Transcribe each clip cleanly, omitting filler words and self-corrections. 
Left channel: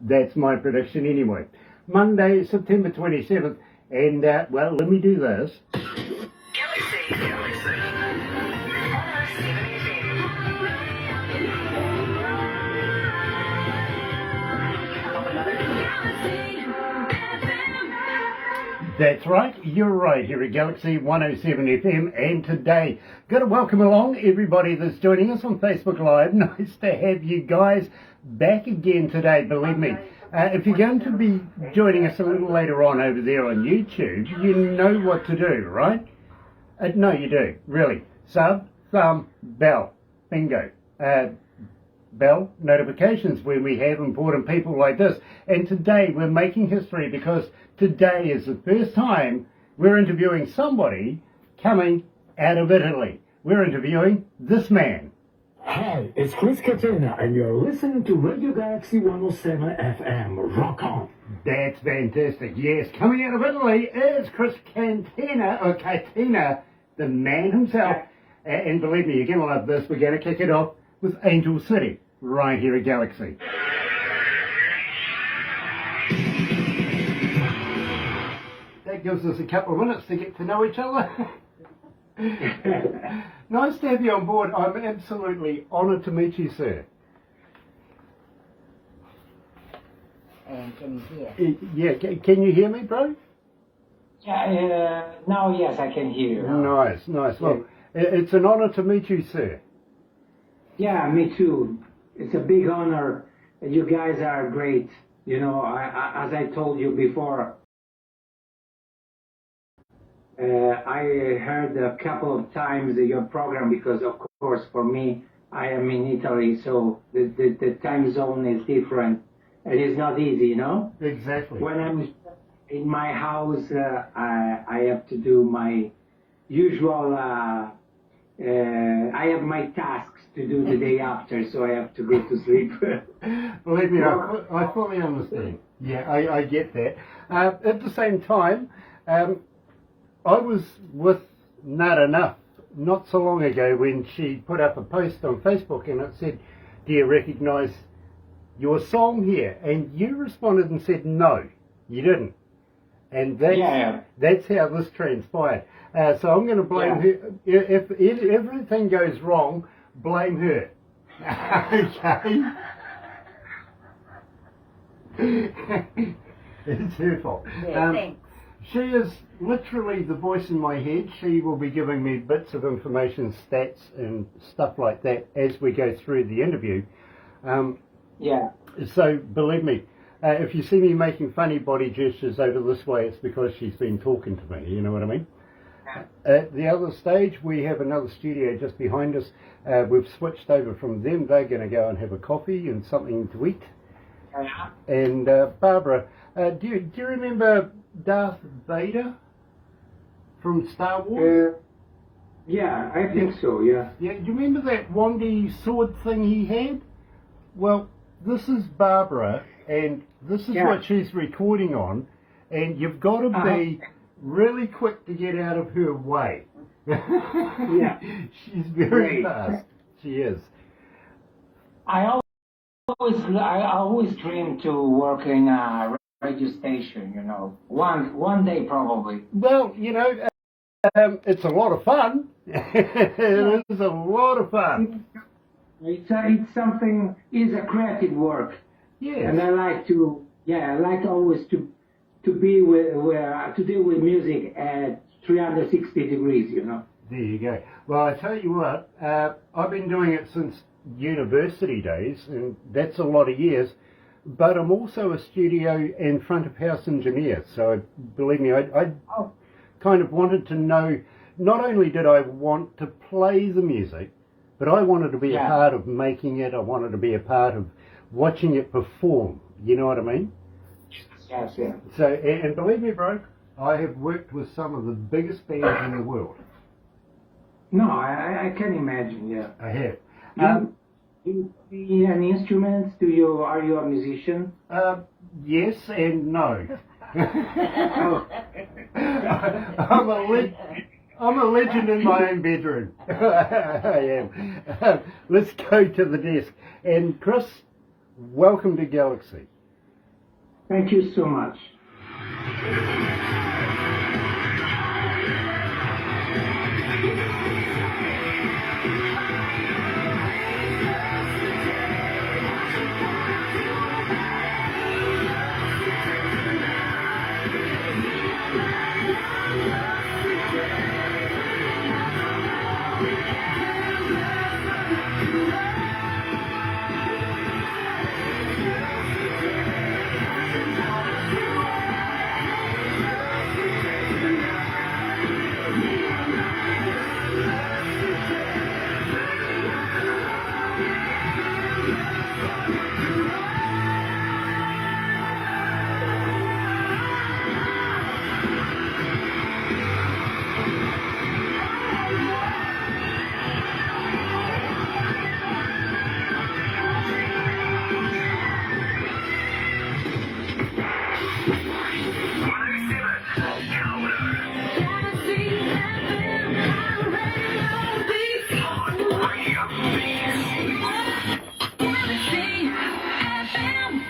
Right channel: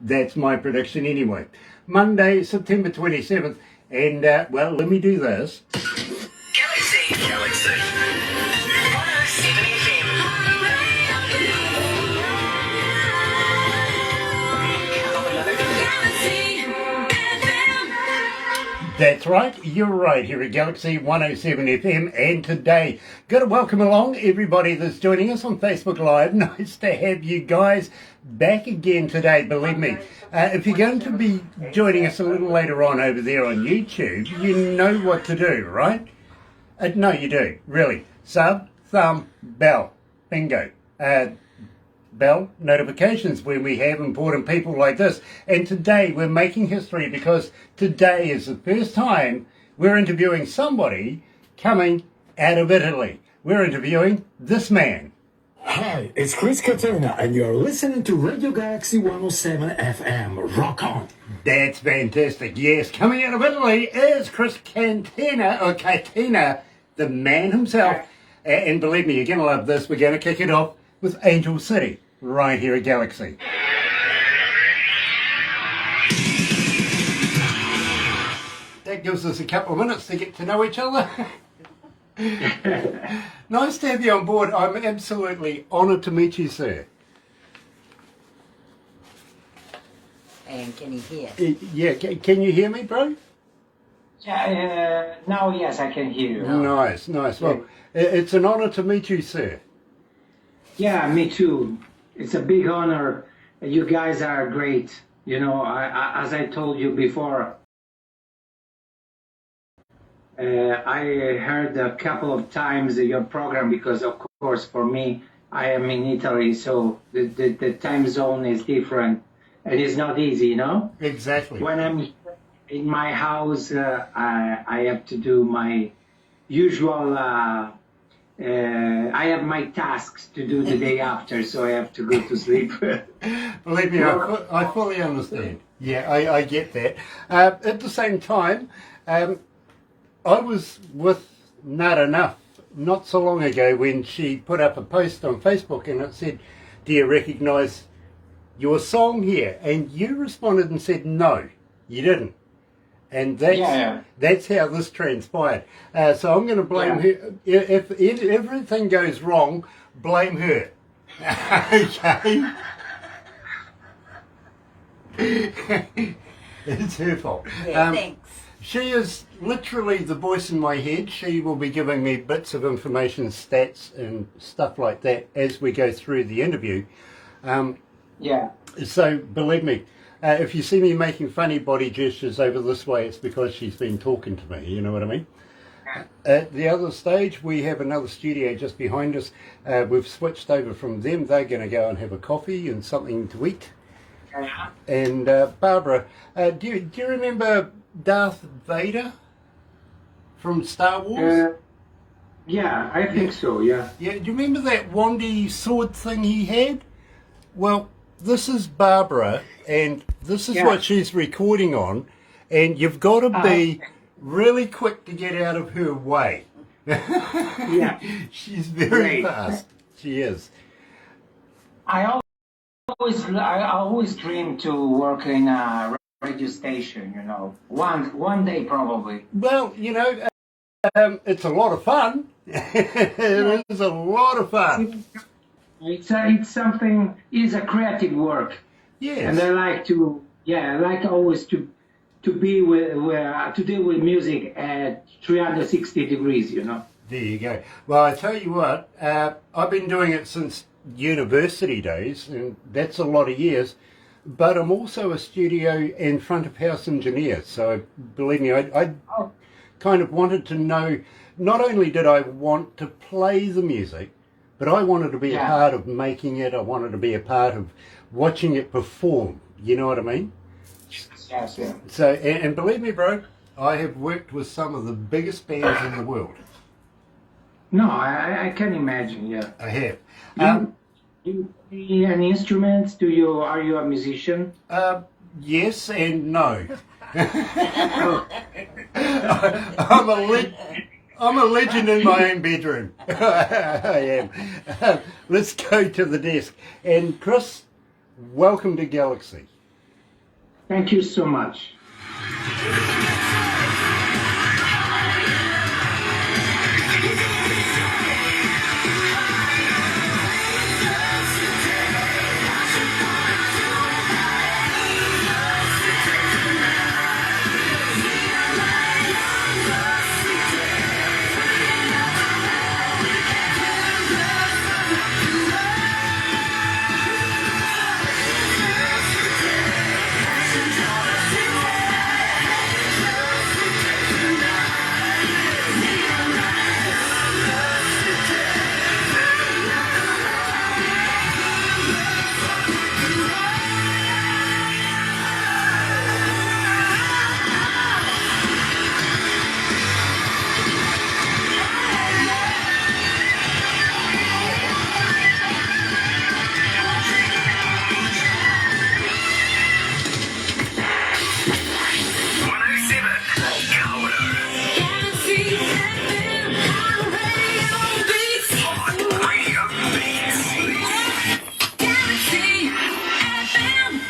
That's my prediction anyway. Monday, September 27th, and well, let me do this. Galaxy 107fm. That's right, you're right, here at Galaxy 107 FM, and today, got to welcome along everybody that's joining us on Facebook Live. Nice to have you guys back again today, believe me. If you're going to be joining us a little later on over there on YouTube, you know what to do, right? No, you do, really. Sub, thumb, bell, bingo. Bell notifications when we have important people like this. And today we're making history because today is the first time we're interviewing somebody coming out of Italy. We're interviewing this man. Hi, it's Chris Catena, and you're listening to Radio Galaxy 107 FM. Rock on. That's fantastic. Yes, coming out of Italy is Chris Catena, or Catena, the man himself. And believe me, you're going to love this. We're going to kick it off with Angel City, right here at Galaxy. That gives us a couple of minutes to get to know each other. Nice to have you on board. I'm absolutely honoured to meet you, sir. And can you hear? Yeah, can you hear me, bro? Yeah, now yes, I can hear you. Nice, nice. Well, it's an honour to meet you, sir. Yeah, me too. It's a big honor. You guys are great. You know, as I told you before, I heard a couple of times your program because, of course, for me, I am in Italy, so the time zone is different. It is not easy, you know? Exactly. When I'm in my house, I have to do my usual... I have my tasks to do the day after, so I have to go to sleep. Believe me, I fully understand. Yeah, I get that. At the same time, I was with Not Enough not so long ago when she put up a post on Facebook and it said, "Do you recognise your song here?" And you responded and said, "No, you didn't." And that's how this transpired. So I'm going to blame her. If everything goes wrong, blame her. Okay? It's her fault. Yeah, thanks. She is literally the voice in my head. She will be giving me bits of information, stats and stuff like that as we go through the interview. So believe me, if you see me making funny body gestures over this way, it's because she's been talking to me, you know what I mean? At the other stage, we have another studio just behind us. We've switched over from them. They're going to go and have a coffee and something to eat. And Barbara, do you remember Darth Vader from Star Wars? Yeah, I think so, yeah. Yeah, do you remember that wandy sword thing he had? Well, this is Barbara, and this is what she's recording on, and you've got to be really quick to get out of her way. Yeah. She's very fast. She is. I always dream to work in a radio station, you know. One day probably. Well, you know, it's a lot of fun. It is a lot of fun. It's something. It's a creative work. Yes. And I like always to be to deal with music at 360 degrees, you know. There you go. Well, I tell you what, I've been doing it since university days, and that's a lot of years. But I'm also a studio and front of house engineer. So believe me, I kind of wanted to know. Not only did I want to play the music, but I wanted to be a part of making it. I wanted to be a part of watching it perform. You know what I mean? Yes, yeah. So, and believe me, bro, I have worked with some of the biggest bands in the world. No, I can imagine. Yeah. I have. You play any instruments? Are you a musician? Yes and no. I'm a legend in my own bedroom. I am. Let's go to the desk. And Chris, welcome to Galaxy. Thank you so much.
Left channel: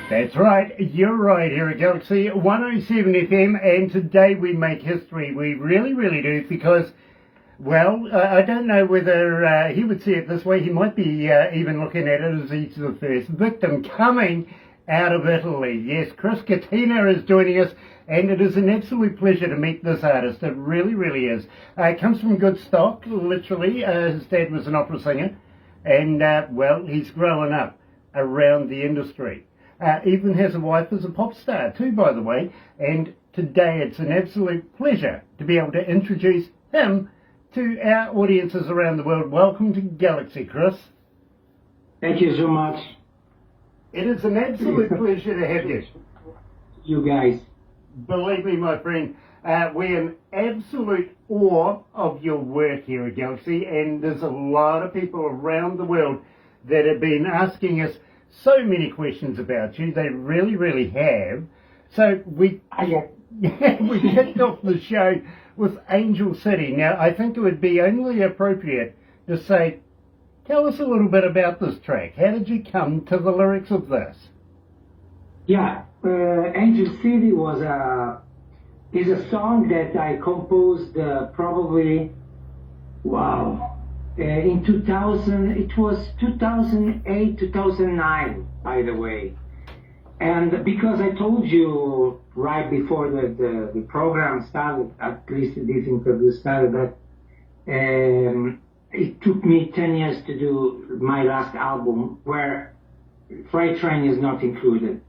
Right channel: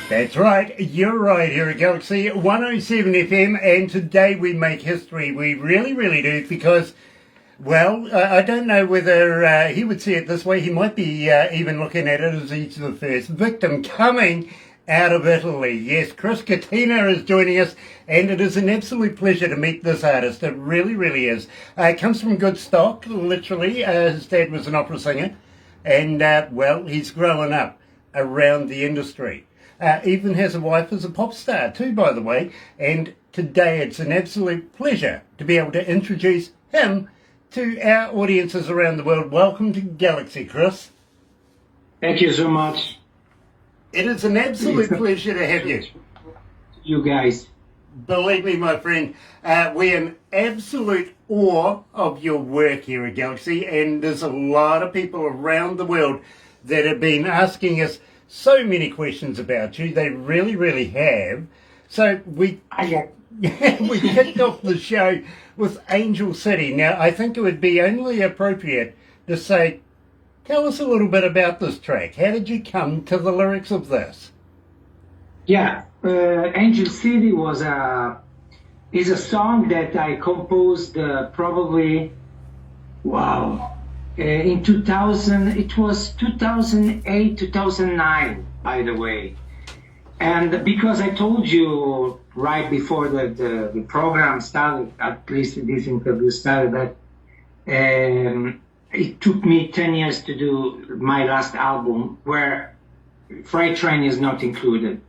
That's right, you're right here at Galaxy 107 FM, and today we make history. We really, really do, because, well, I don't know whether he would see it this way. He might be even looking at it as he's the first victim coming out of Italy. Yes, Chris Catena is joining us, and it is an absolute pleasure to meet this artist. It really, really is. Comes from good stock, literally. His dad was an opera singer, and, well, he's growing up around the industry. Even has a wife as a pop star too, by the way, and today it's an absolute pleasure to be able to introduce him to our audiences around the world. Welcome to Galaxy, Chris. Thank you so much. It is an absolute pleasure to have you. You guys. Believe me, my friend, we're in absolute awe of your work here at Galaxy, and there's a lot of people around the world that have been asking us so many questions about you. They really, really have. So we kicked off the show with Angel City. Now, I think it would be only appropriate to say, tell us a little bit about this track. How did you come to the lyrics of this? Yeah, Angel City is a song that I composed probably, in 2000, it was 2008, 2009, by the way. And because I told you right before the program started, at least this interview started, that it took me 10 years to do my last album, where Freight Train is not included.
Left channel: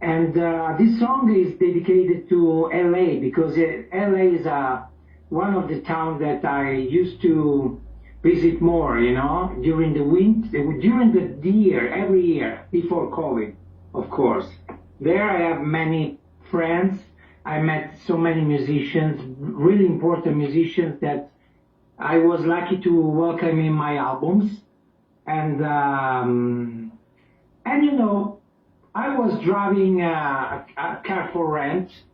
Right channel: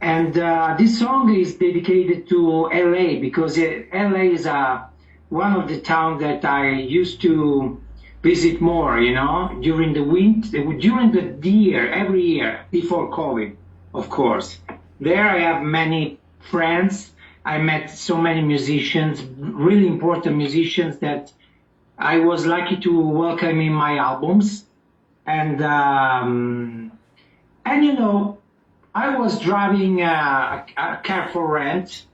And this song is dedicated to LA, because LA is one of the towns that I used to visit more, during the winter, during the year, every year, before COVID, of course. There I have many friends. I met so many musicians, really important musicians, that I was lucky to welcome in my albums. And I was driving a car for rent,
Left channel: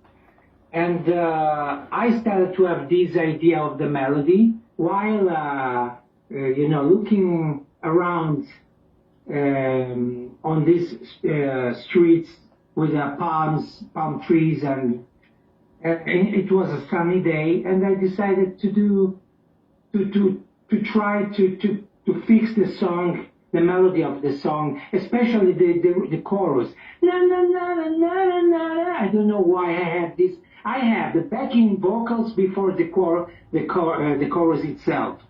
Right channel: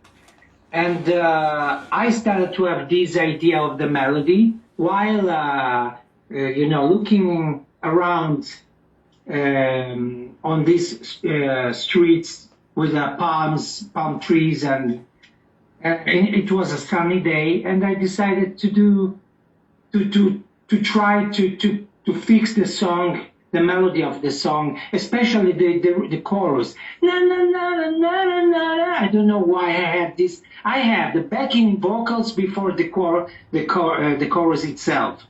and I started to have this idea of the melody while looking around on these streets with palm trees, and it was a sunny day, and I decided to try to fix the song, the melody of the song, especially the chorus. Na, na, na, na, na, na, na. I don't know why I had this. I had the backing vocals before the chorus itself.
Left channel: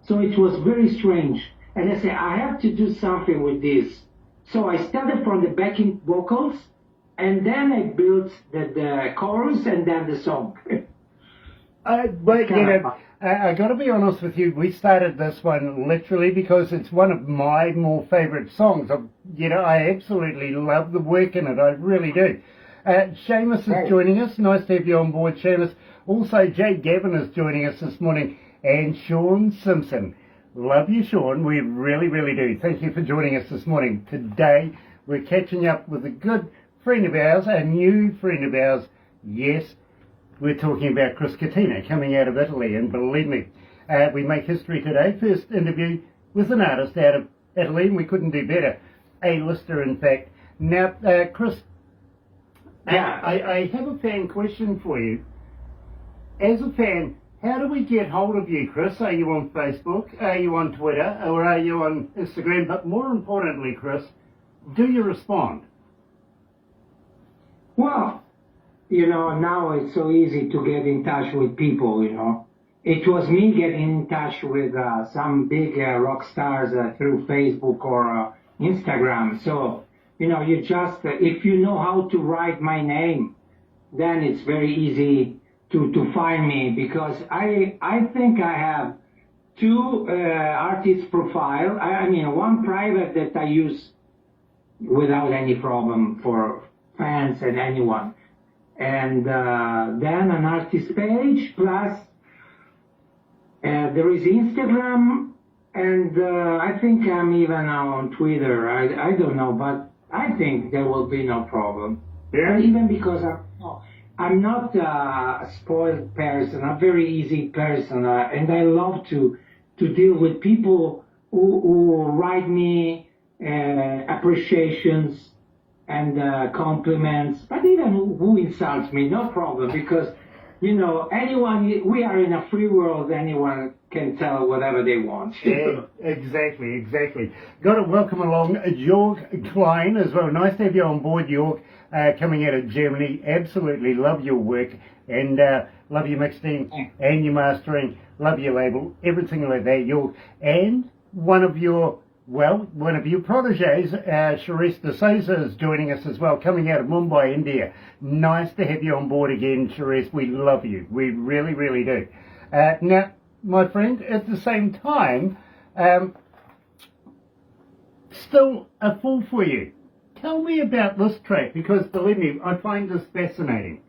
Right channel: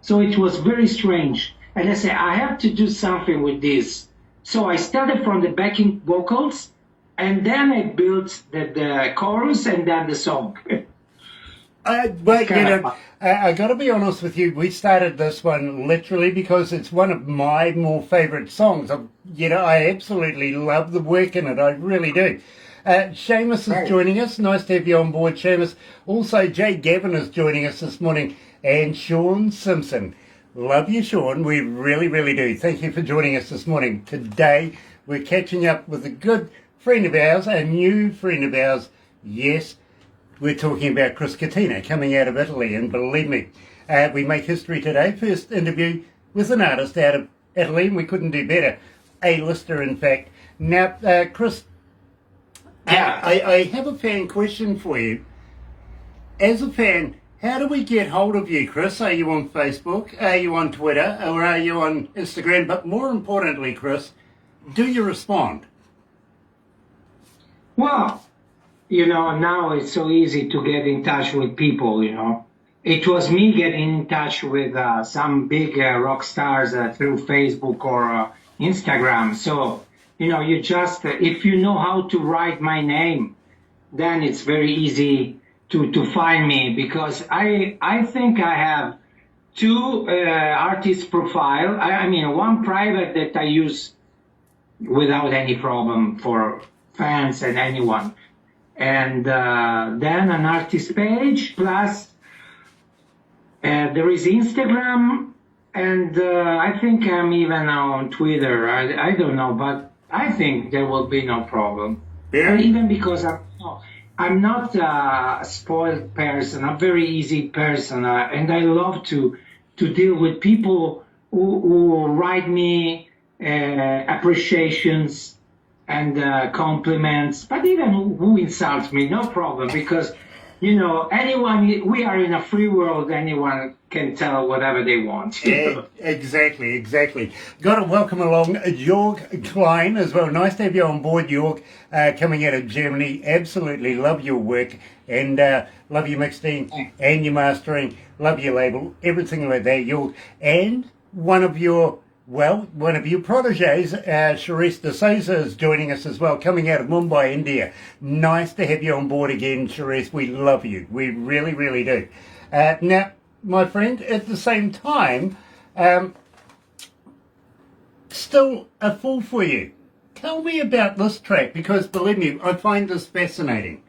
So it was very strange. And I said, I have to do something with this. So I started from the backing vocals, and then I built the chorus and then the song. But I got to be honest with you. We started this one literally because it's one of my more favourite songs. I absolutely love the work in it. I really do. Seamus is joining us. Nice to have you on board, Seamus. Also, Jay Gavin is joining us this morning, and Sean Simpson. Love you, Sean. We really, really do. Thank you for joining us this morning. Today, we're catching up with a good friend of ours, a new friend of ours. Yes, we're talking about Chris Catena coming out of Italy, and believe me, we make history today. First interview with an artist out of Italy, and we couldn't do better. A-lister, in fact. Now, Chris, Yeah. I have a fan question for you. As a fan, how do we get hold of you, Chris? Are you on Facebook? Are you on Twitter? Or are you on Instagram? But more importantly, Chris, do you respond? Well, now it's so easy to get in touch with people. It was me getting in touch with some big rock stars through Facebook or Instagram. So, you just, if you know how to write my name, then it's very easy to find me, because I think I have two artist profile. I mean, one private that I use without any problem for fans and anyone. And then an artist page, plus there is Instagram, and I think I'm even on Twitter. I don't know, but I think there will be no problem. Yeah. Even because I'm not a spoiled person. I'm a very easy person, and I love to deal with people who write me appreciations and compliments, but even who insults me, no problem, because anyone, we are in a free world, anyone can tell whatever they want. Exactly. Got to welcome along Jörg Klein as well. Nice to have you on board, Jörg, coming out of Germany. Absolutely love your work, and love your mixing and your mastering. Love your label, everything like that, Jörg. And one of your proteges, Charisse de Souza, is joining us as well, coming out of Mumbai, India. Nice to have you on board again, Charisse. We love you. We really, really do. Now, my friend, at the same time, still a fool for you. Tell me about this track, because believe me, I find this fascinating.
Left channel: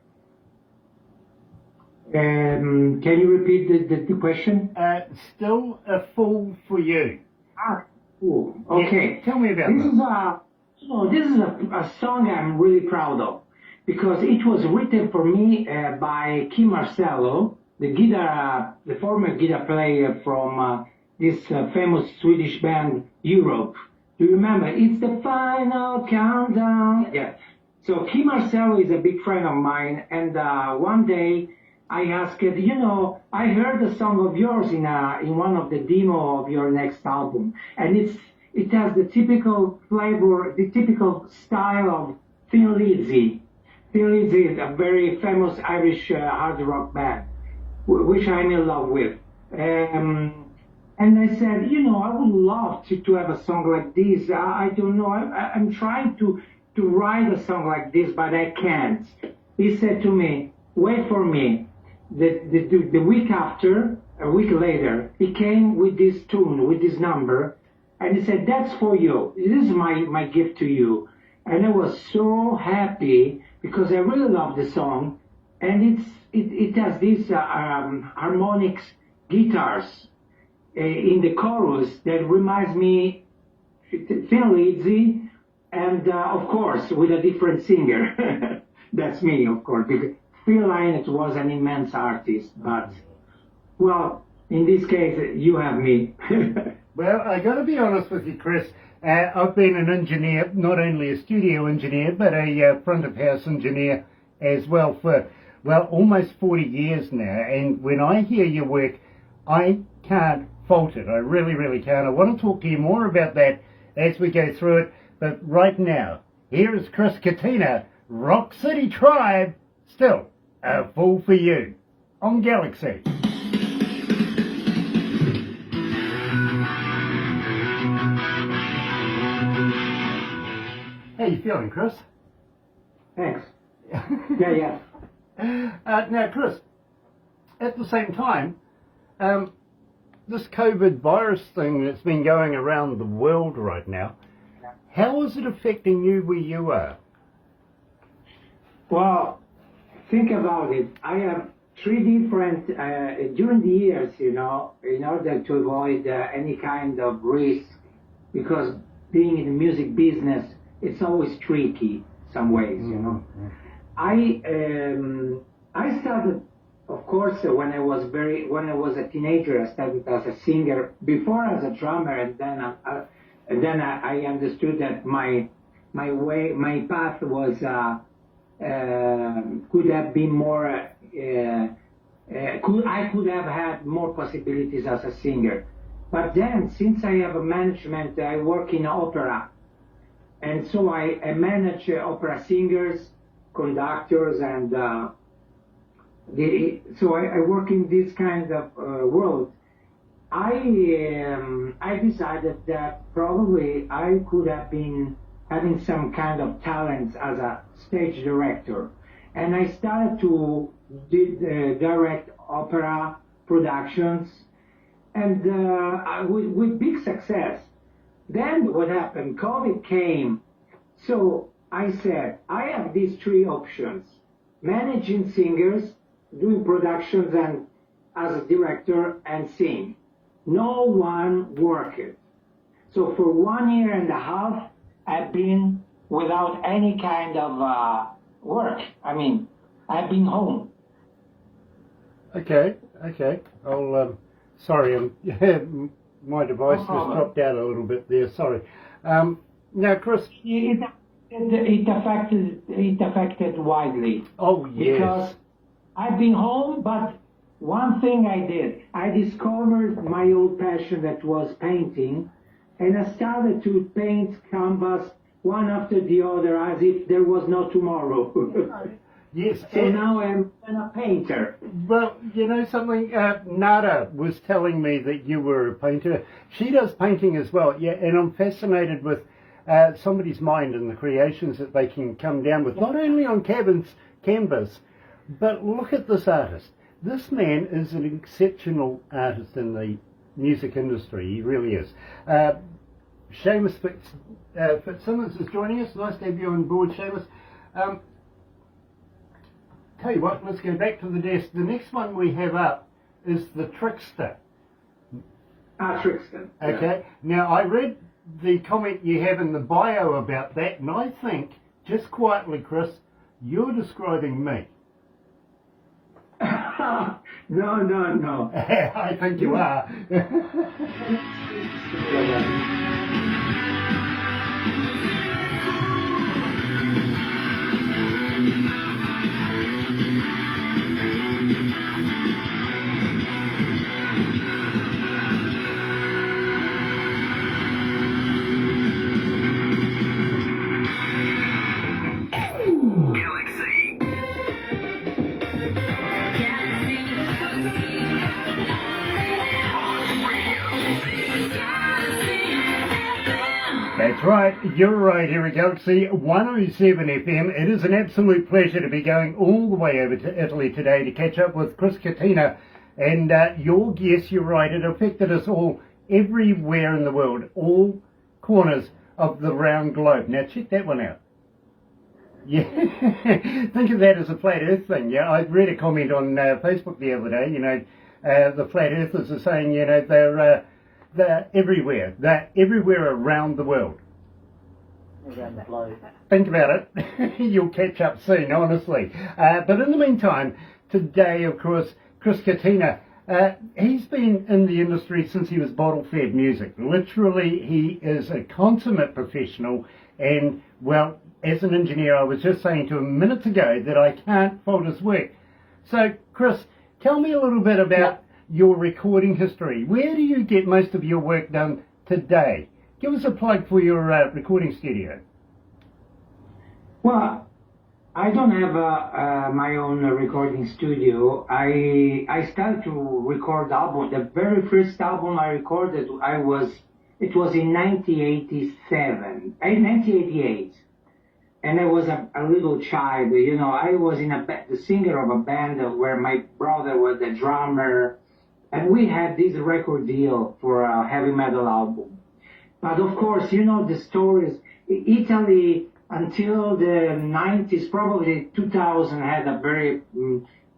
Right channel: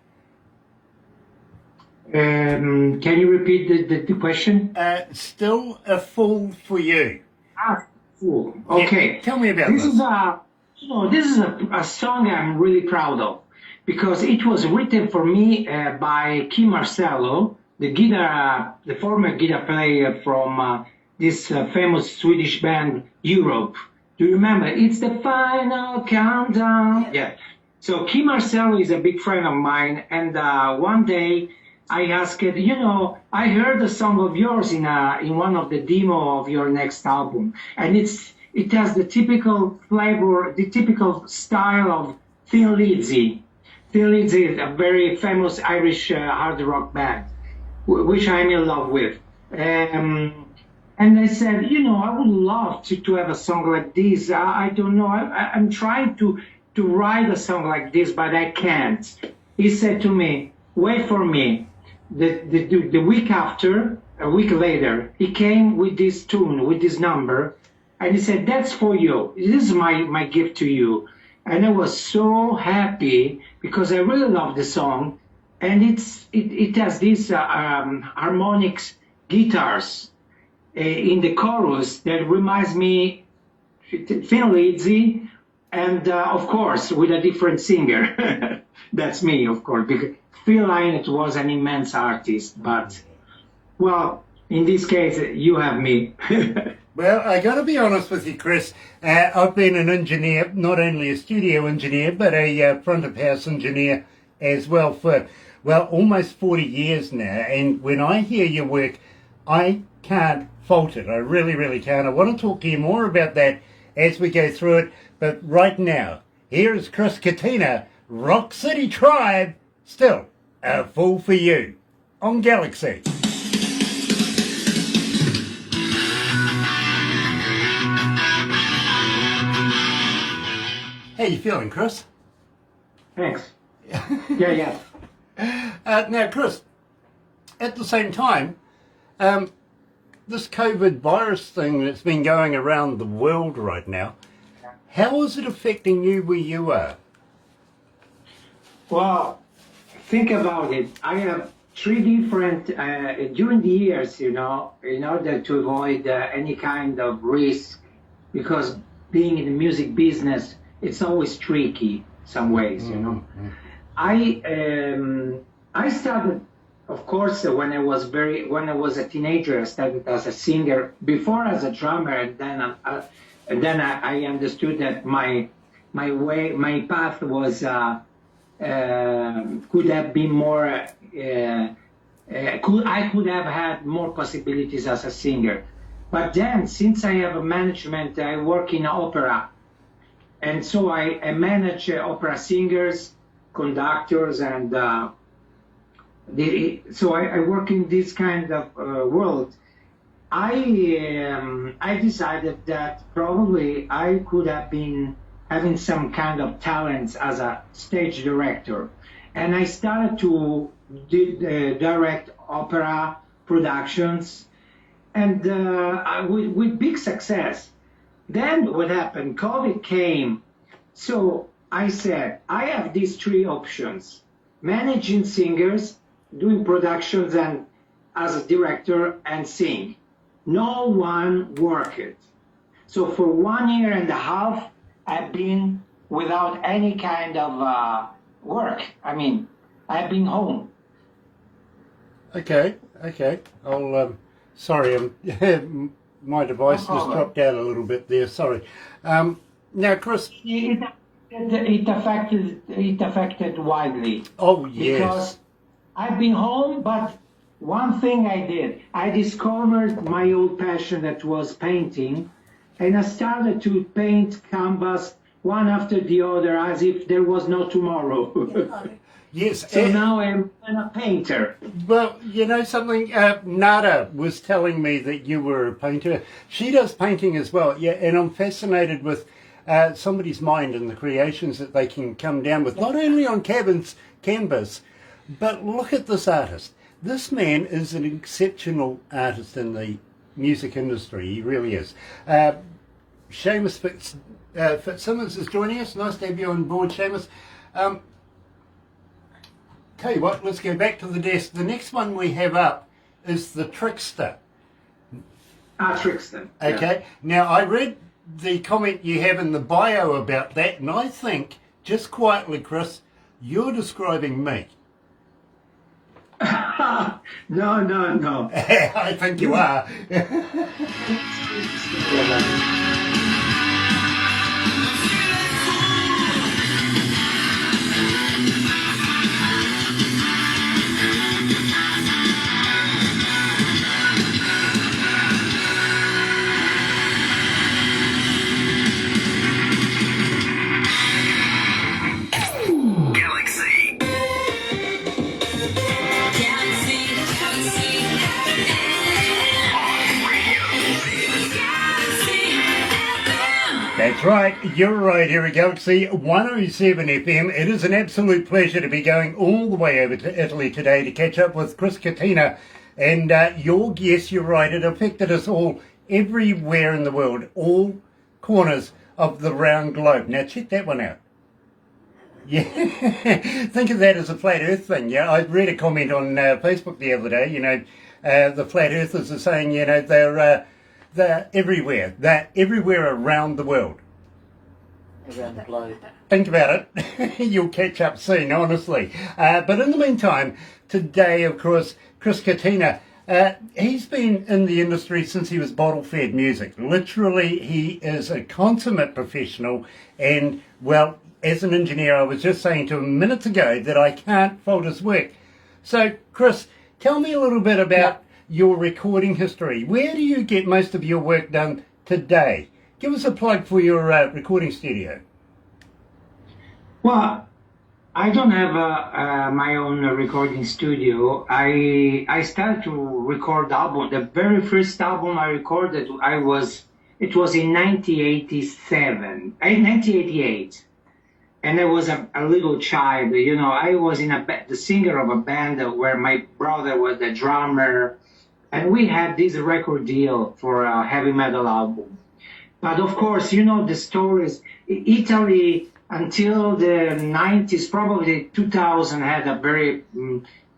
Can you repeat the question? Still a fool for you. Cool. Okay. Yeah, tell me about this. This is a song I'm really proud of, because it was written for me by Kim Marcello, the former guitar player from this famous Swedish band Europe. Do you remember? It's the final countdown. Yeah. So Kim Marcello is a big friend of mine, and one day I asked, I heard a song of yours in one of the demo of your next album, and it has the typical flavor, the typical style of Thin Lizzy. Thin Lizzy is a very famous Irish hard rock band, which I'm in love with. And I said, I would love to have a song like this. I don't know. I'm trying to write a song like this, but I can't. He said to me, wait for me. The week after, a week later, he came with this tune, with this number, and he said, that's for you. This is my gift to you. And I was so happy, because I really love the song. And it has these harmonics guitars in the chorus that reminds me Thin Lizzy, and of course with a different singer. That's me, of course, because Phil Lynott was an immense artist, but well, in this case you have me. Well, I got to be honest with you, Chris. I've been an engineer, not only a studio engineer, but a front of house engineer as well for, almost 40 years now. And when I hear your work, I can't fault it. I really, really can't. I want to talk to you more about that as we go through it. But right now, here is Chris Catena, Rock City Tribe, still a fool for you, on Galaxy. How you feeling, Chris? Thanks. Yeah. Now, Chris, at the same time, this COVID virus thing that's been going around the world right now, how is it affecting you where you are? Well, think about it. I have three different, during the years, in order to avoid any kind of risk, because being in the music business, it's always tricky some ways, I started, of course, when I was a teenager. I started as a singer, before as a drummer, and then I understood that my path was could have been more. I could have had more possibilities as a singer. But then, since I have a management, I work in opera, and so I manage opera singers, conductors, and so I work in this kind of world. I decided that probably I could have been having some kind of talents as a stage director, and I started to direct opera productions, and with big success. Then what happened? COVID came, so I said I have these three options: managing singers, doing productions, and as a director and sing. No one worked. So for 1 year and a half, I've been without any kind of work. I mean, I've been home. Okay. I'll, sorry, my device just dropped out a little bit there, sorry. Now, Chris. It affected widely. Oh, yes. Because I've been home, but one thing I did, I discovered my old passion that was painting, and I started to paint canvas one after the other as if there was no tomorrow. Yes. So now I'm a painter. But you know something, Nada was telling me that you were a painter. She does painting as well, yeah, and I'm fascinated with somebody's mind and the creations that they can come down with, not only on canvas, but look at this artist. This man is an exceptional artist in the music industry. He really is. Seamus Fitzsimmons is joining us. Nice to have you on board, Seamus. Tell you what, let's go back to the desk. The next one we have up is the Trickster. Trickster. Okay. Now, I read the comment you have in the bio about that, and I think, just quietly, Chris, you're describing me. No. I think you are. That's right, you're right here at Galaxy 107 FM. It is an absolute pleasure to be going all the way over to Italy today to catch up with Chris Catena. And yes, you're right, it affected us all everywhere in the world, all corners of the round globe. Now check that one out. Yeah, think of that as a flat earth thing. Yeah, I read a comment on Facebook the other day, the flat earthers are saying, they're everywhere. They're everywhere around the world. Around the globe. Think about it. You'll catch up soon, honestly. But in the meantime, today, of course, Chris Catena, he's been in the industry since he was bottle-fed music. Literally, he is a consummate professional. And, well, as an engineer, I was just saying to him minutes ago that I can't fault his work. So, Chris, tell me a little bit about your recording history. Where do you get most of your work done today? Give us a plug for your recording studio. Well, I don't have my own recording studio. I started to record album. The very first album I recorded, it was in 1987, 1988. And I was a little child, I was the singer of a band where my brother was the drummer. And we had this record deal for a heavy metal album. But of course, the stories. Italy, until the 90s, probably 2000, had a very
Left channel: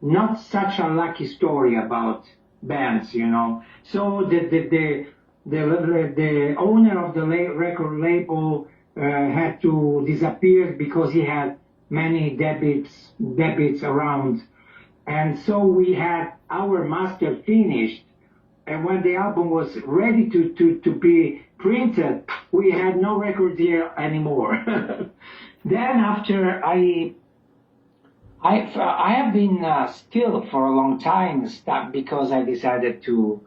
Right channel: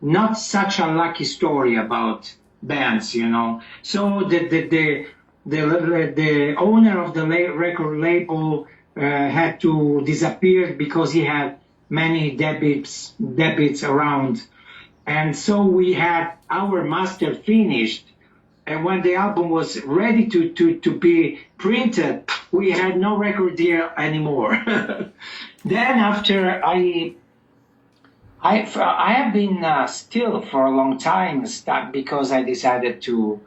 not such a lucky story about bands, So the owner of the record label had to disappear because he had many debits around. And so we had our master finished, and when the album was ready to be printed, we had no record deal anymore. Then after I I have been still for a long time stuck because I decided to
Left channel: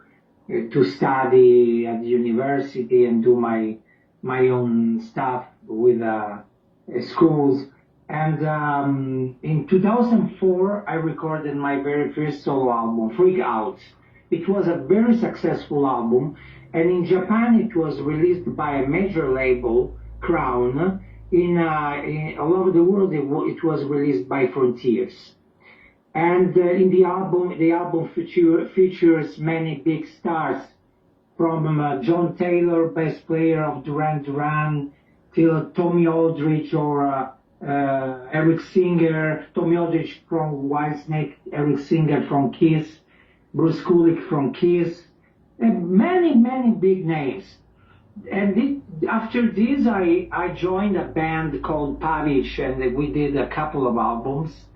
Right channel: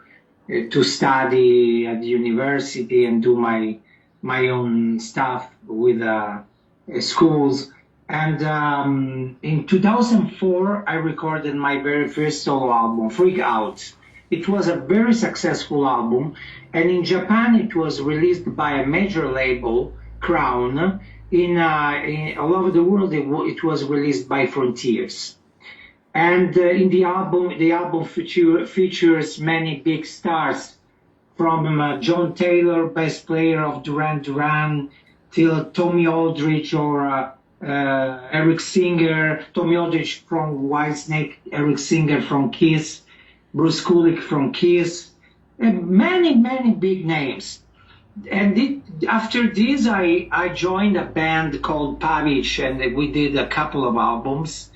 study at the university and do my own stuff with schools. And in 2004, I recorded my very first solo album, Freak Out. It was a very successful album, and in Japan it was released by a major label, Crown. In all over the world, it was released by Frontiers. And in the album features many big stars, from John Taylor, bass player of Duran Duran, till Tommy Aldridge or Eric Singer, Tommy Aldridge from Whitesnake, Eric Singer from Kiss, Bruce Kulick from Kiss, and many big names. And after this, I joined a band called Pavic, and we did a couple of albums.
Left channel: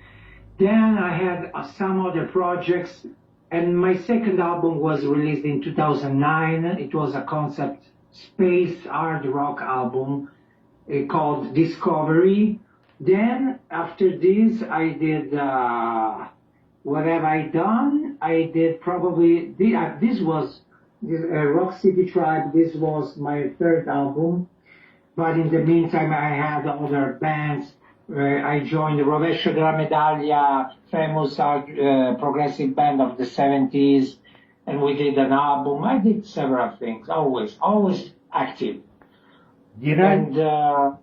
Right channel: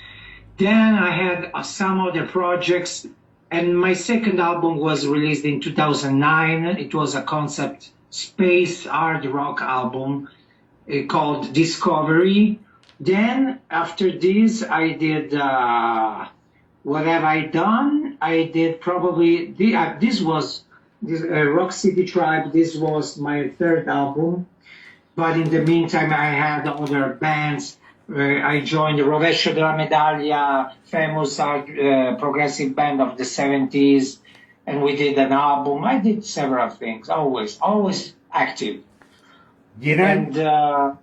Then I had some other projects, and my second album was released in 2009. It was a concept space hard rock album called Discovery. Then after this, I did What Have I Done? I did probably, this was Rock City Tribe. This was my third album. But in the meantime, I had other bands. I joined the Rovescio della Medaglia, famous progressive band of the 70s, and we did an album. I did several things, always active. You know,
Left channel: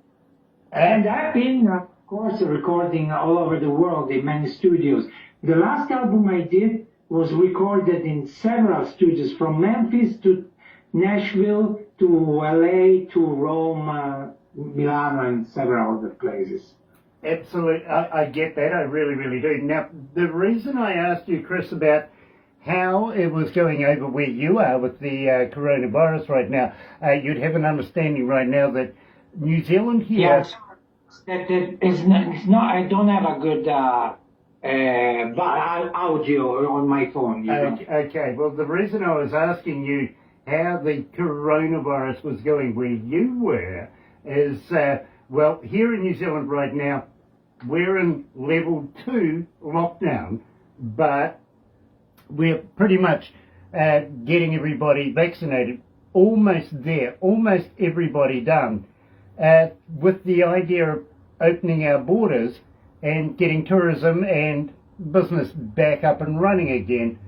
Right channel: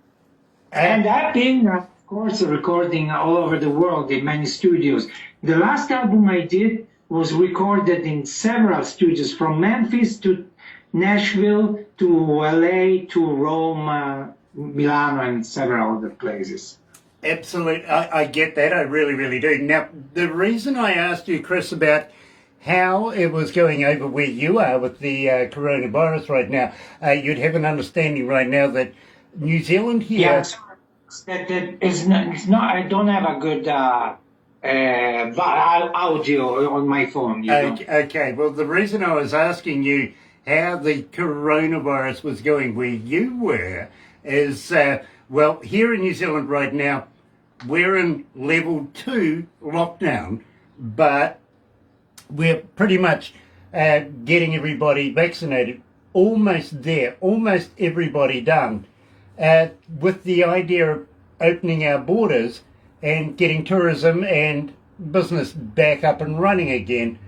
And I've been, of course, recording all over the world in many studios. The last album I did was recorded in several studios, from Memphis to Nashville to LA to Rome, Milano, and several other places. absolutely. I get that. I really do. Now, the reason I asked you, Chris, about how it was going over where you are with the coronavirus right now, you'd have an understanding right now that New Zealand here... Yes, that is not, I don't have a good audio on my phone. You know? Okay, well, the reason I was asking you how the coronavirus was going where you were is, well, here in New Zealand right now, we're in level 2 lockdown, but we're pretty much getting everybody vaccinated, almost there, almost everybody done, with the idea of opening our borders and getting tourism and business back up and running again.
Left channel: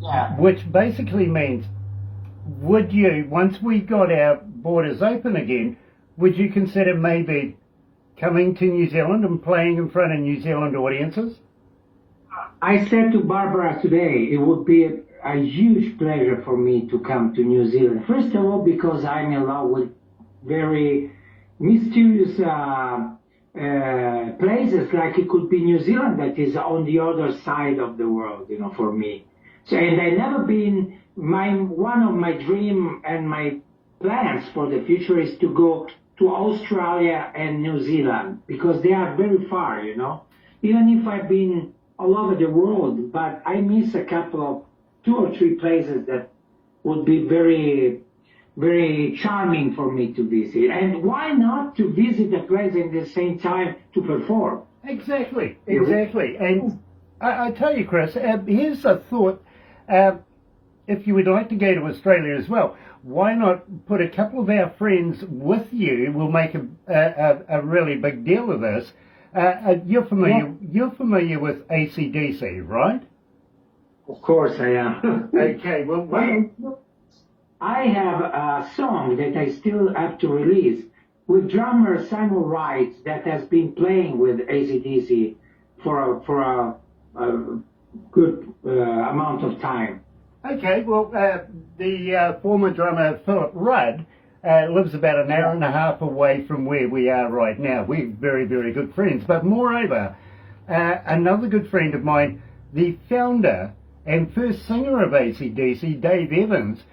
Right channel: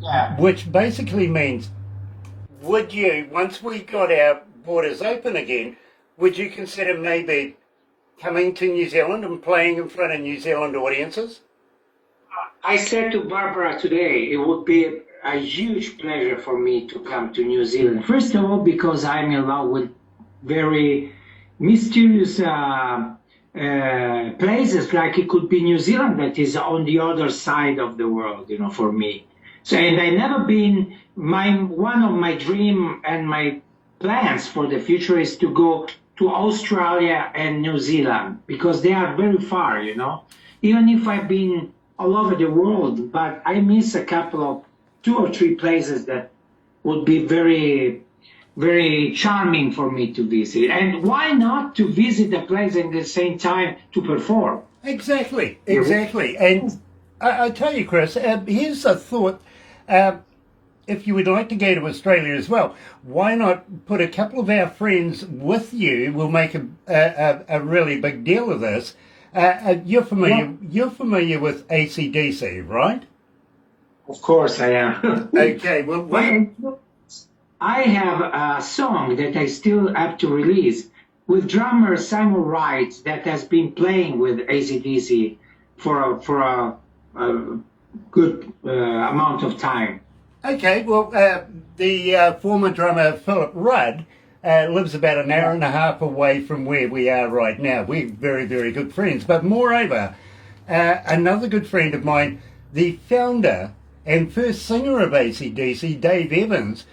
Yeah. Which basically means, would you, once we got our borders open again, would you consider maybe coming to New Zealand and playing in front of New Zealand audiences? I said to Barbara today, it would be a huge pleasure for me to come to New Zealand. First of all, because I'm in love with very mysterious places, like it could be New Zealand, that is on the other side of the world, you know, for me. So, and I've never been, one of my dream and my plans for the future is to go to Australia and New Zealand, because they are very far, you know. Even if I've been all over the world, but I miss a couple of 2 or 3 places that would be very, very charming for me to visit. And why not to visit a place at the same time to perform? Exactly. And I tell you, Chris, here's a thought. If you would like to go to Australia as well, why not put a couple of our friends with you? We'll make a really big deal of this. You're familiar with AC/DC, right? Of course I am. Okay, well, I have a song that I still have to release with drummer Simon Wright that has been playing with AC/DC for a good amount of time. Okay, well, the former drummer Philip Rudd lives about an hour and a half away from where we are right now. We're very good friends. But moreover, another good friend of mine, the founder and first singer of AC/DC, Dave Evans,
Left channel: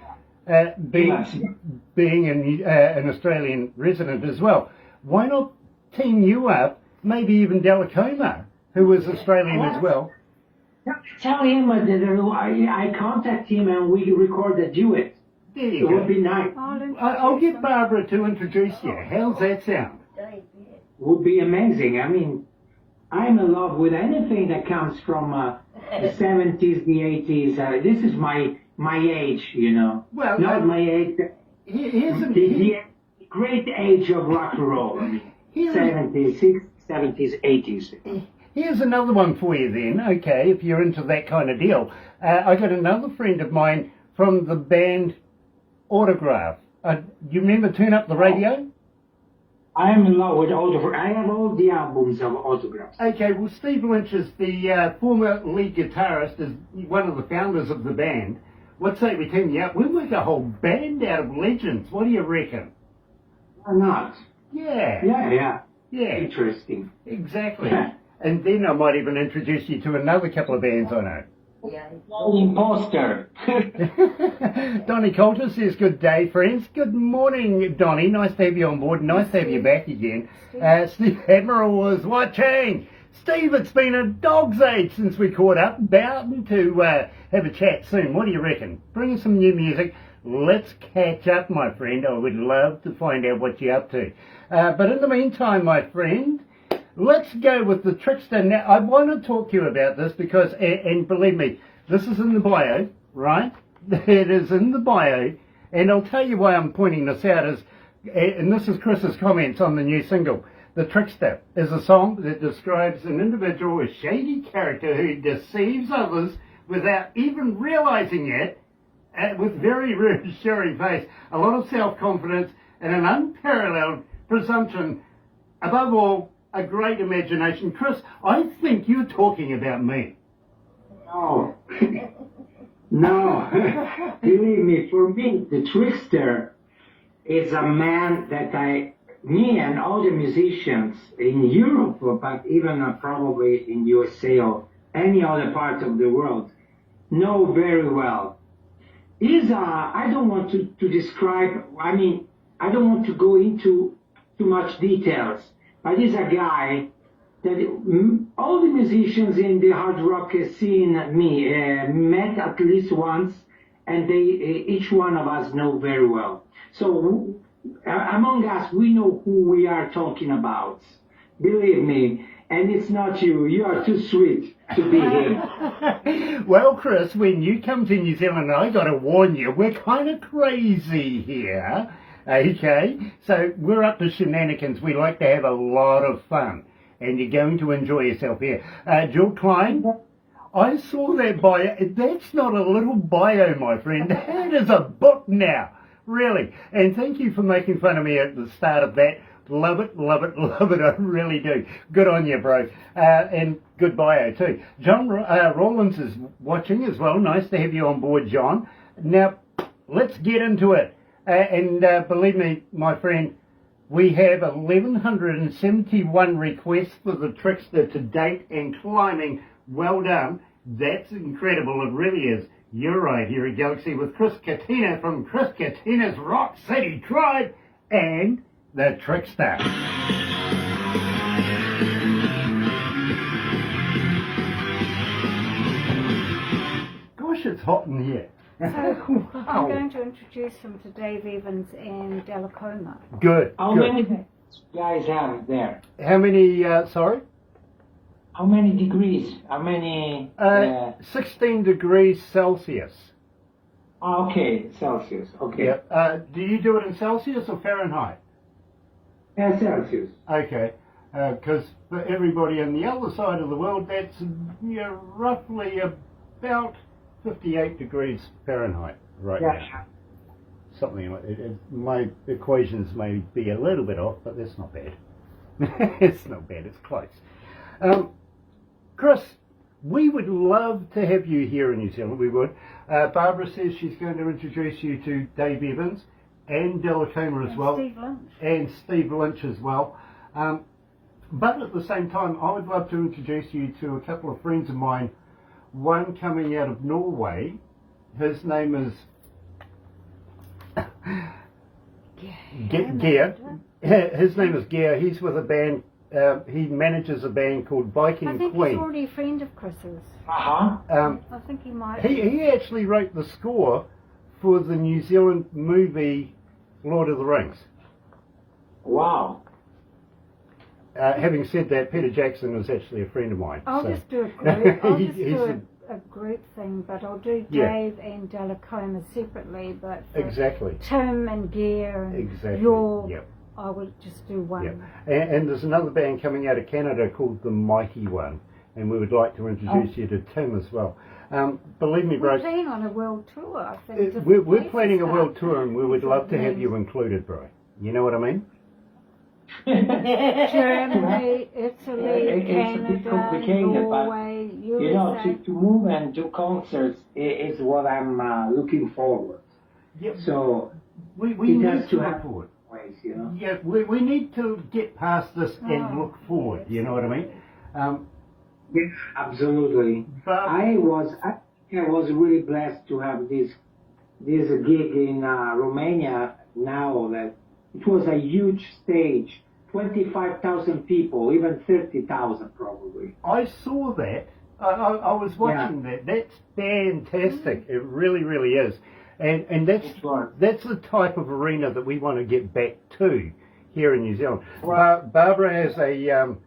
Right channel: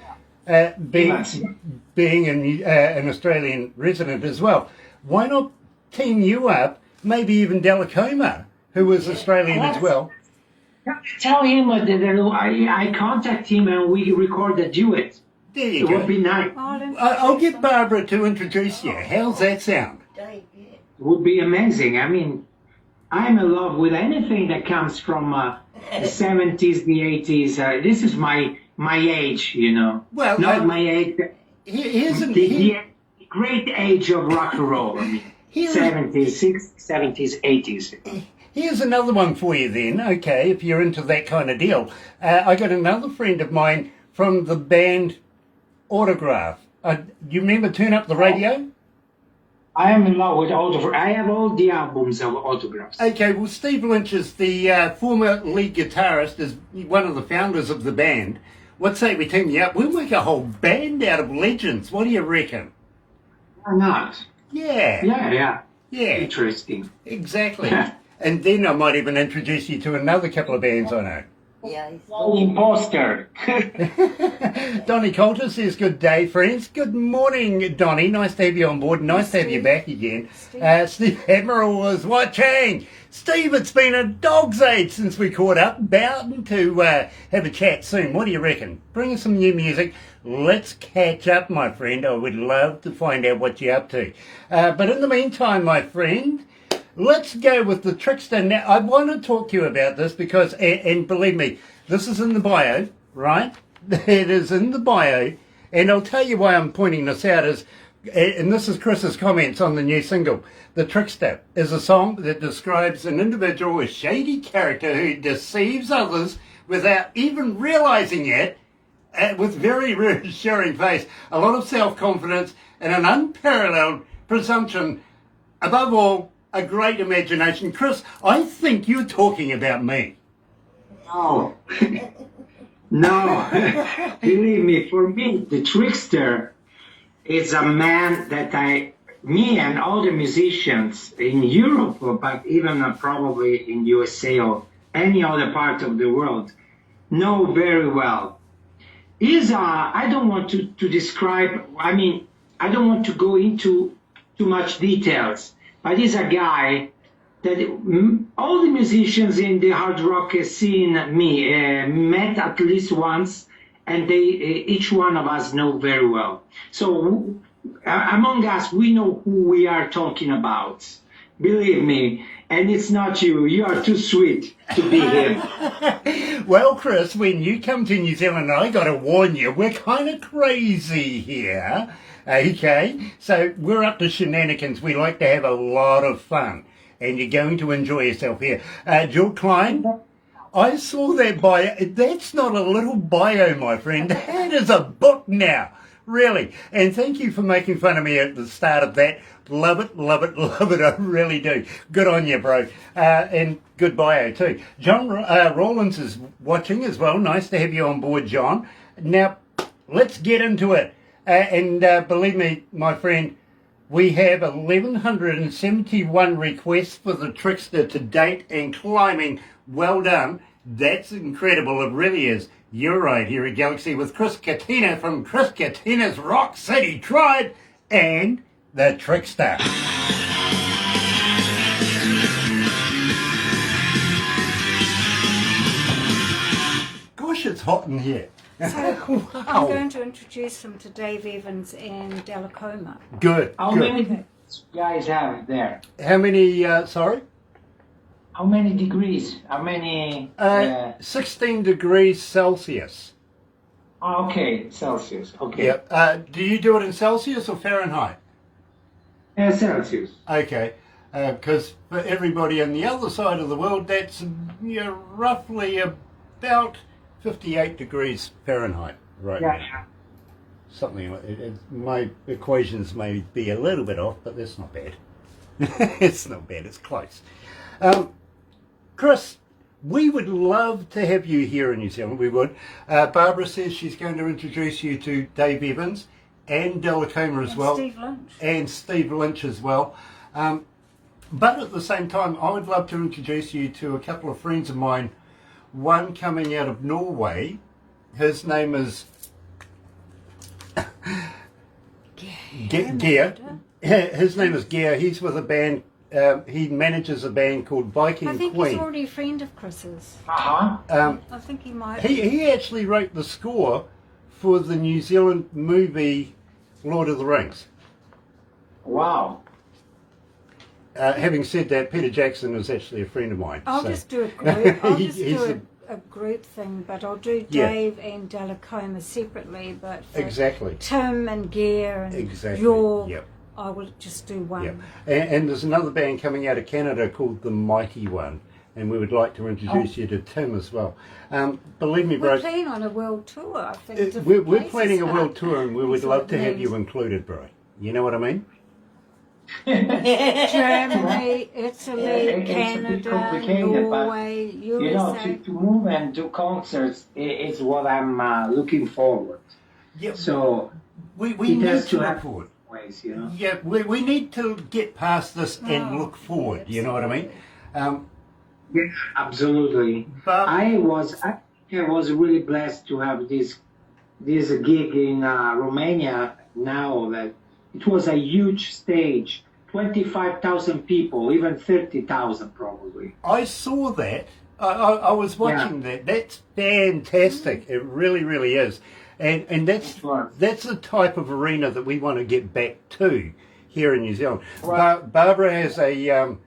being an Australian resident as well. Why not team you up, maybe even Delacoma, who was Australian as well? Tell him that I contact him and we record a duet. There you It go. would be nice. I'll get Barbara to introduce you. How's that sound? It would be amazing. I mean, I'm in love with anything that comes from the 70s, the 80s. This is my age, you know. Well, Not my age. here's The great age of rock and roll. I mean, Here's- 70s, 60s, 70s, 80s. Here's another one for you then, okay, if you're into that kind of deal. I got another friend of mine from the band Autograph. You remember Turn Up the Radio? I am in love with Autograph. I have all the albums of Autographs. Okay, well, Steve Lynch is the former lead guitarist, is one of the founders of the band. What say we team you up? We'll make a whole band out of legends. What do you reckon? Why not? Yeah. Yeah. Interesting. Exactly. And then I might even introduce you to another couple of bands I know. Yeah. Imposter. Donnie Coulter says, good day, friends. Good morning, Donnie. Nice to have you on board. Nice to have you back again. Steve Admiral was watching. Steve, it's been a dog's age since we caught up. Bound to have a chat soon. What do you reckon? Bring us some new music. Let's catch up, my friend. I would love to find out what you're up to. But in the meantime, my friend, let's go with the Trickster. Now, I want to talk to you about this because, and believe me, this is in the bio, right? It is in the bio. And I'll tell you why I'm pointing this out is, and this is Chris's comments on the new single. The Trickster is a song that describes an individual, a shady character who deceives others without even realizing it, with very reassuring face, a lot of self-confidence, and an unparalleled presumption. Above all, a great imagination. Chris, I think you're talking about me. No. No. Believe me, for me, the Trickster is a man that me and all the musicians in Europe, but even probably in USA or any other part of the world, know very well. I don't want to describe, I don't want to go into too much details, but he's a guy that all the musicians in the hard rock scene met at least once, and each one of us know very well. So among us, we know who we are talking about. Believe me, and it's not you. You are too sweet to be him. Well, Chris, when you come to New Zealand, I got to warn you, we're kind of crazy here. Okay, so we're up to shenanigans. We like to have a lot of fun, and you're going to enjoy yourself here. Jill Klein, I saw that bio. That's not a little bio, my friend. That is a book now, really. And thank you for making fun of me at the start of that. Love it, love it, love it. I really do. Good on you, bro. And good bio too. John Rawlins is watching as well. Nice to have you on board, John. Now, let's get into it. And believe me, my friend, we have 1,171 requests for the Trickster to date and climbing. Well done. That's incredible. It really is. You're right here at Galaxy with Chris Catena from Chris Catena's Rock City Tribe and the Trickster. Gosh, it's hot in here. So I'm going to introduce him to Dave Evans and Delacoma. Good. How good. many guys have there? How many, sorry? How many degrees? How many? 16 degrees Celsius. Okay, Celsius. Okay. Yeah. Do you do it in Celsius or Fahrenheit? Celsius. Okay. Because for everybody on the other side of the world, that's roughly about 58 degrees Fahrenheit right now. Something like it. My equations may be a little bit off, but that's not bad. It's not bad. It's close. Chris, we would love to have you here in New Zealand. We would. Barbara says she's going to introduce you to Dave Evans and Delacoma as well. Steve Lynch. And Steve Lynch as well. But at the same time, I would love to introduce you to a couple of friends of mine. One coming out of Norway. His name is Gear. His name is Gear. He's with a band. He manages a band called Viking I think Queen. he's already a friend of Chris's. Uh-huh. I think he might. He actually wrote the score for the New Zealand movie Lord of the Rings. Wow. Having said that, Peter Jackson is actually a friend of mine. I'll so. just do a group. I'll just He's do a group thing, but I'll do Yeah. Dave and Delacoma separately. But for Exactly. Tim and Gear and Exactly. York, Yep. I will just do one. Yep. And there's another band coming out of Canada called The Mighty One, and we would like to introduce you to Tim as well. Believe me, We're bro, planning on a world tour, I think. different we're places. planning a world tour, and we would That's love what to it have you means. included, bro. You know what I mean? Germany, Italy, It's a bit Canada, complicated, but, Norway, You know, USA. to move and do concerts is what I'm looking forward. Yeah. So We it need has to to look happen forward. ways, you know. Yeah, we need to get past this and Oh, look forward. You know what I mean? Yeah, absolutely. But I was really blessed to have this gig in Romania. Now that it was a huge stage, 25,000 people, even 30,000 probably. I saw that. I was watching that. That's fantastic. It really, really is. And It was. that's the type of arena that we want to get back to here in New Zealand. Well- Barbara has a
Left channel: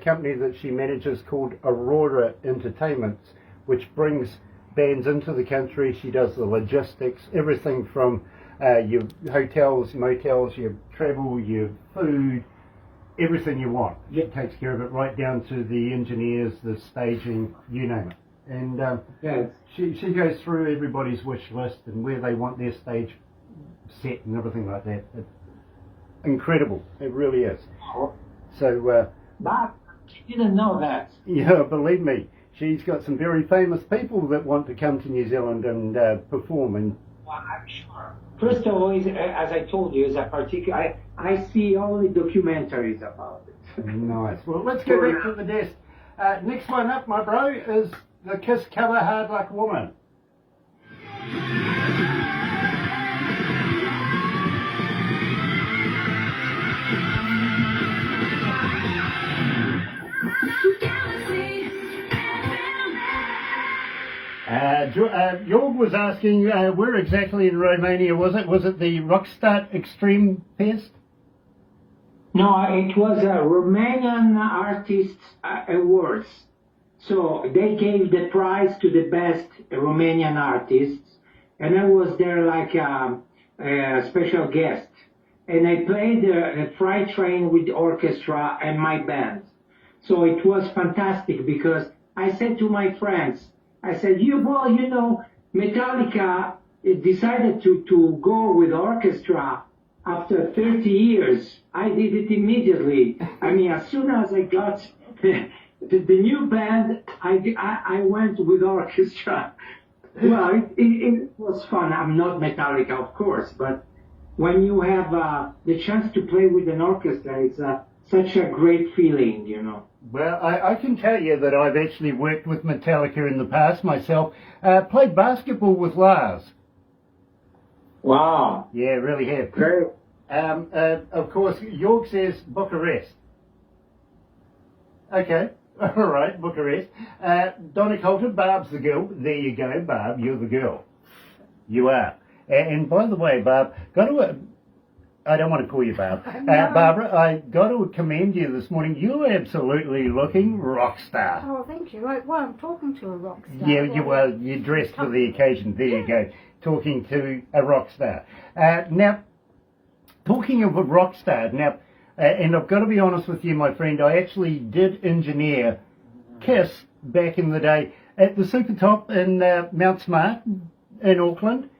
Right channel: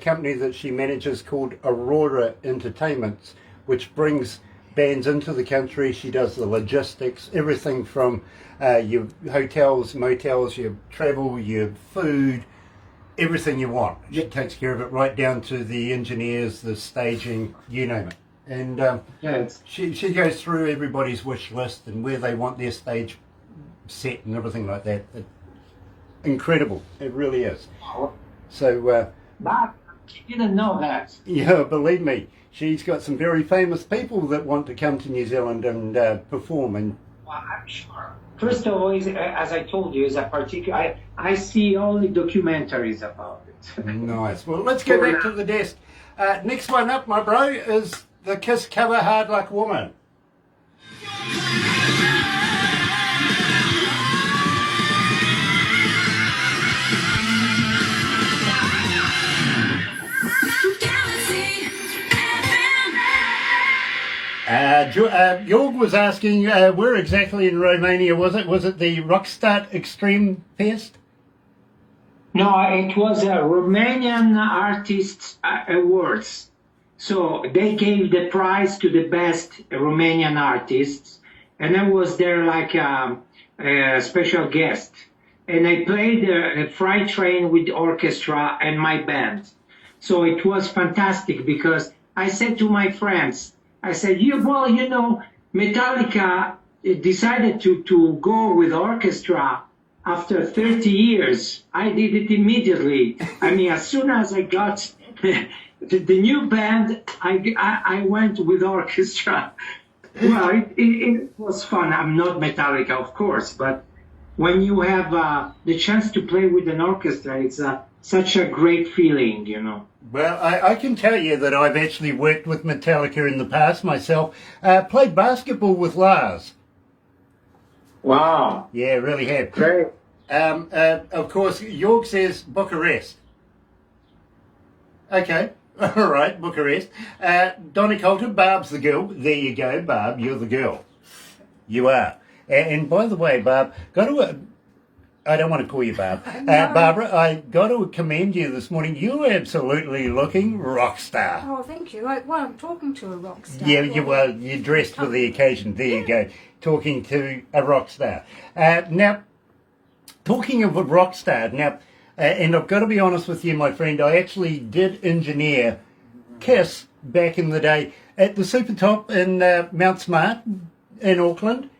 company that she manages called Aurora Entertainments, which brings bands into the country. She does the logistics, everything from your hotels, motels, your travel, your food, everything you want. She takes care of it right down to the engineers, the staging, you name it. And Yes. she goes through everybody's wish list and where they want their stage set and everything like that. Incredible. It really is. So, But you didn't know that. yeah, believe me, she's got some very famous people that want to come to New Zealand and perform. And Well, I'm sure. First of all, as I told you, is a particular. I see only documentaries about it. nice. Well, let's go back to the desk. Next one up, my bro, is the Kiss cover Hard Luck Woman. Jorg was asking, where exactly in Romania was it? Was it the Rockstar Extreme Fest? No, it was a Romanian Artists Awards. So they gave the prize to the best Romanian artists, and I was there like a special guest. And I played a freight train with the orchestra and my band. So it was fantastic because I said to my friends, I said, Metallica decided to go with orchestra after 30 years. I did it immediately. I mean, as soon as I got the new band, I went with orchestra. Well, it was fun. I'm not Metallica, of course, but when you have the chance to play with an orchestra, it's such a great feeling, you know. Well, I can tell you that I've actually worked with Metallica in the past myself. Played basketball with Lars. Wow. Yeah, really have. Great. Of course, York says Bucharest. Okay, all right, Bucharest. Donna Coulter, Barb's the girl. There you go, Barb, you're the girl. You are. And by the way, Barb, I don't want to call you Barb. No. Barbara, I got to commend you this morning. You're absolutely looking rock star. Oh, thank you. Well, I'm talking to a rock star. Yeah, you're dressed for the occasion. There you go, talking to a rock star. Now, talking of a rock star, and I've got to be honest with you, my friend, I actually did engineer Kiss back in the day at the Super Top in Mount Smart in Auckland.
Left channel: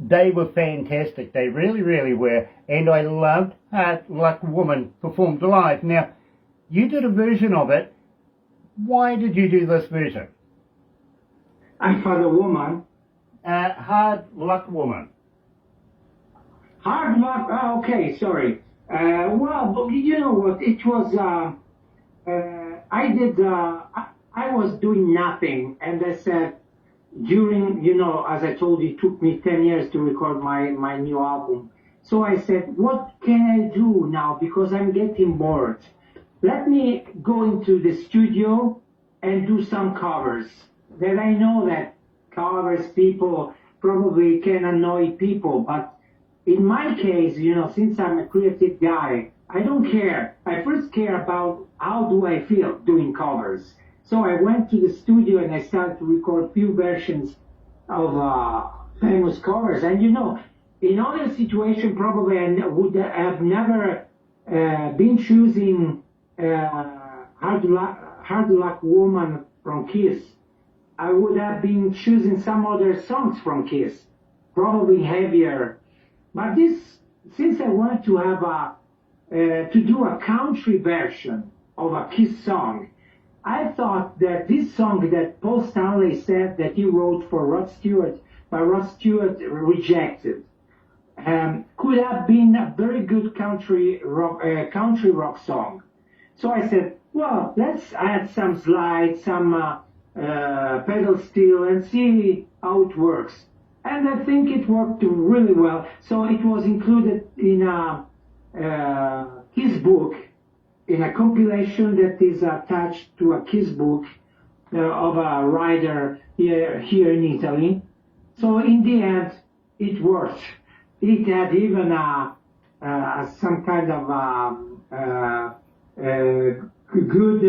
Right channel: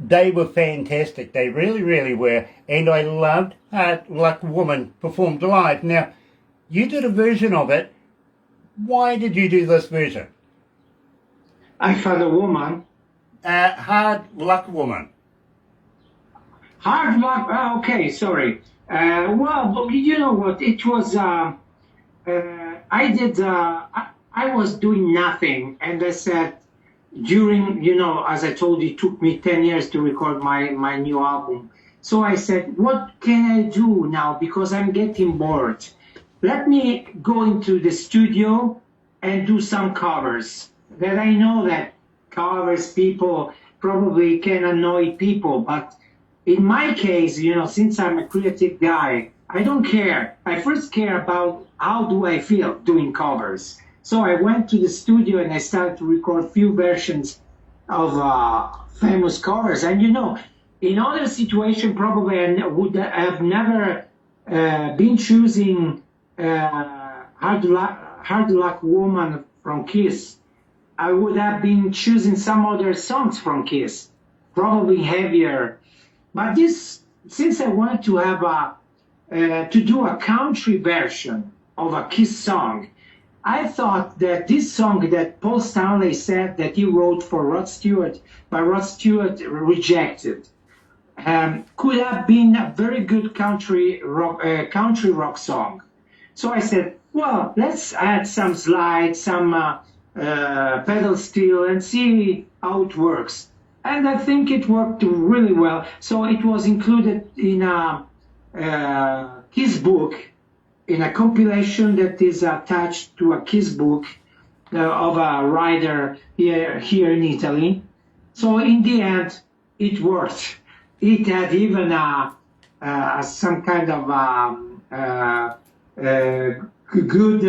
They were fantastic. They really, really were. And I loved Hard Luck Woman performed live. Now, you did a version of it. Why did you do this version? I found a woman. Hard Luck Woman. Hard luck. Okay, sorry. Well, you know what? It was. I did. I was doing nothing, and I said, during, as I told you, it took me 10 years to record my new album. So I said, what can I do now? Because I'm getting bored. Let me go into the studio and do some covers. That I know that covers people probably can annoy people, but in my case, since I'm a creative guy, I don't care. I first care about how do I feel doing covers. So I went to the studio and I started to record a few versions of famous covers. And in other situation, probably I would have never been choosing Hard Luck Woman from Kiss. I would have been choosing some other songs from Kiss, probably heavier. But since I wanted to have to do a country version of a Kiss song, I thought that this song that Paul Stanley said that he wrote for Rod Stewart, but Rod Stewart rejected, could have been a very good country rock song. So I said, well, let's add some slides, some pedal steel, and see how it works. And I think it worked really well. So it was included in his book, in a compilation that is attached to a Kiss book of a writer here in Italy. So in the end, it worked. It had even some kind of good.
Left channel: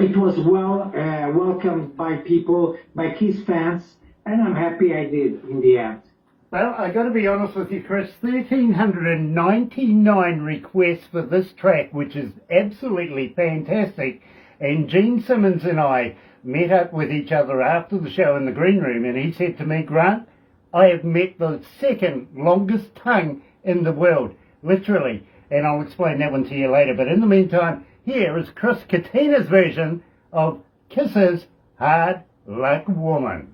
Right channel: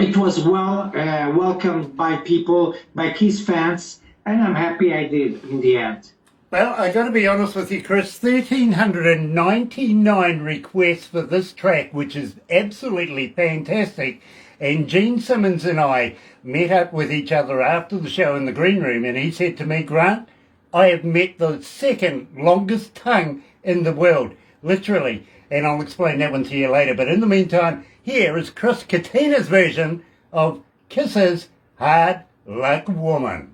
It was well welcomed by people, by Kiss fans, and I'm happy I did in the end. Well, I got to be honest with you, Chris, 1,399 requests for this track, which is absolutely fantastic. And Gene Simmons and I met up with each other after the show in the green room, and he said to me, Grant, I have met the second longest tongue in the world, literally. And I'll explain that one to you later. But in the meantime, here is Chris Catena's version of Kiss's Hard Luck Woman.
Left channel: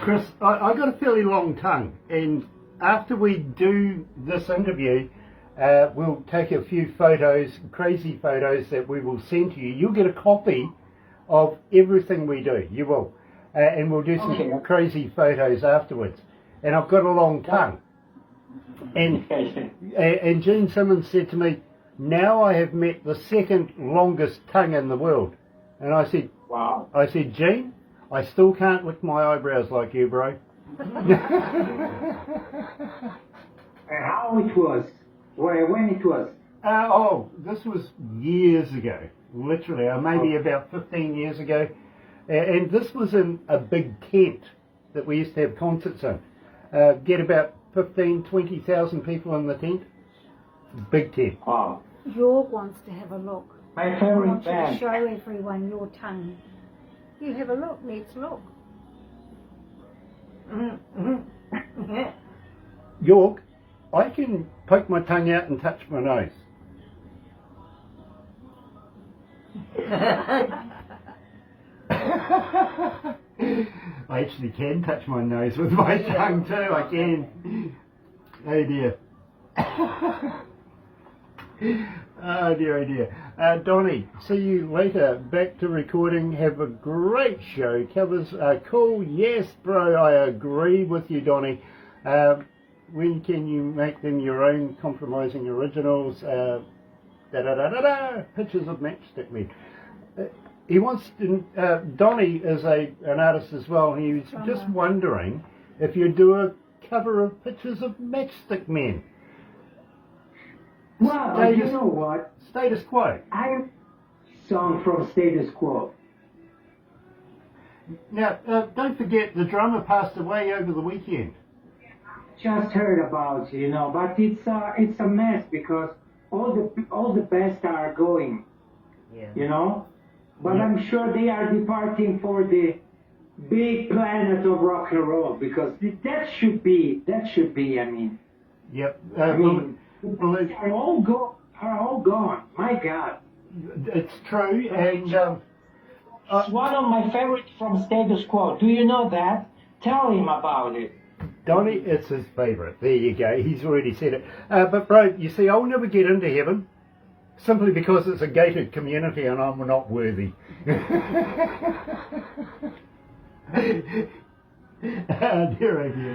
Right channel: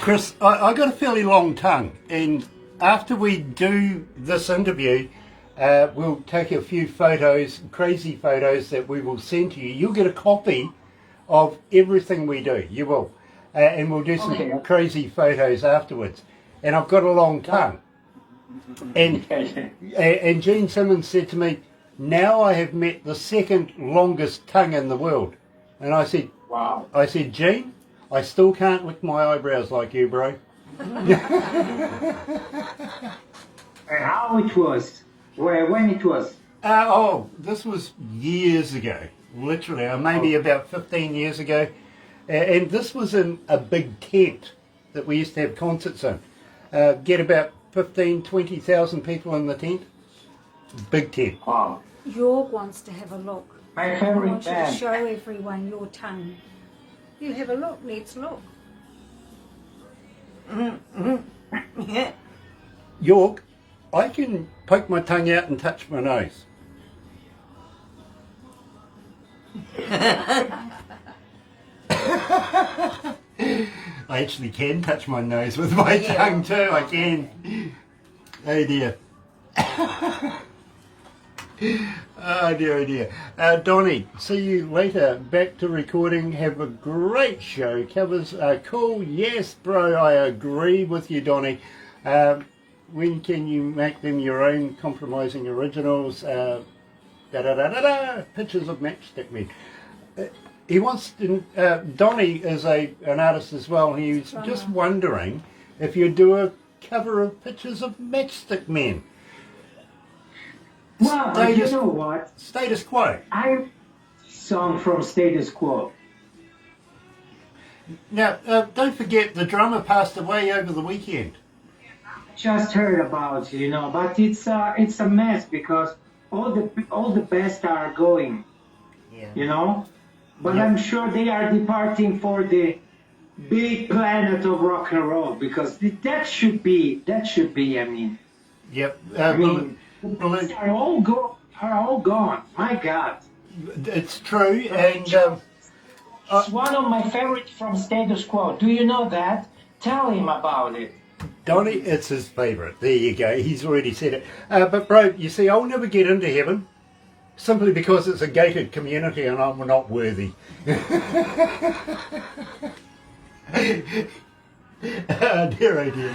Chris, I got a fairly long tongue, and after we do this interview, we'll take a few photos, crazy photos that we will send to you. You'll get a copy of everything we do, you will, and we'll do some crazy photos afterwards. And I've got a long tongue, and Gene Simmons said to me, now I have met the second longest tongue in the world. And I said, wow. I said, Gene, I still can't lick my eyebrows like you, bro. How it was? When it was? This was years ago, literally, maybe about 15 years ago. And this was in a big tent that we used to have concerts in. Get about 15, 20,000 people in the tent. Big tent. Wow. York wants to have a look. My I favorite want you to band. show everyone your tongue. You have a look, let's look. York, I can poke my tongue out and touch my nose. I actually can touch my nose with my tongue too, I can. Oh dear. Oh dear, oh dear. Donnie, see you later. Back to recording. Have a great show. Covers are cool. Yes, bro, I agree with you, Donnie. When can you make them your own compromising originals? Pictures of Matchstick Men. He wants to, Donnie is an artist as well. He's just wondering if you do a cover of Pictures of Matchstick Men. Well, you know what? Status Quo. I song from Status Quo. Now, don't forget the drummer passed away over the weekend. Just heard about, but it's a mess because all the best are going, But I'm sure they are departing for the big planet of rock and roll because that should be. I mean. Yep. Are all gone. My God. It's true, and it's one of my favorites from Status Quo. Do you know that? Tell him about it. Donnie, it's his favourite. There you go. He's already said it. But bro, you see, I'll never get into heaven simply because it's a gated community and I'm not worthy. Oh dear, oh dear.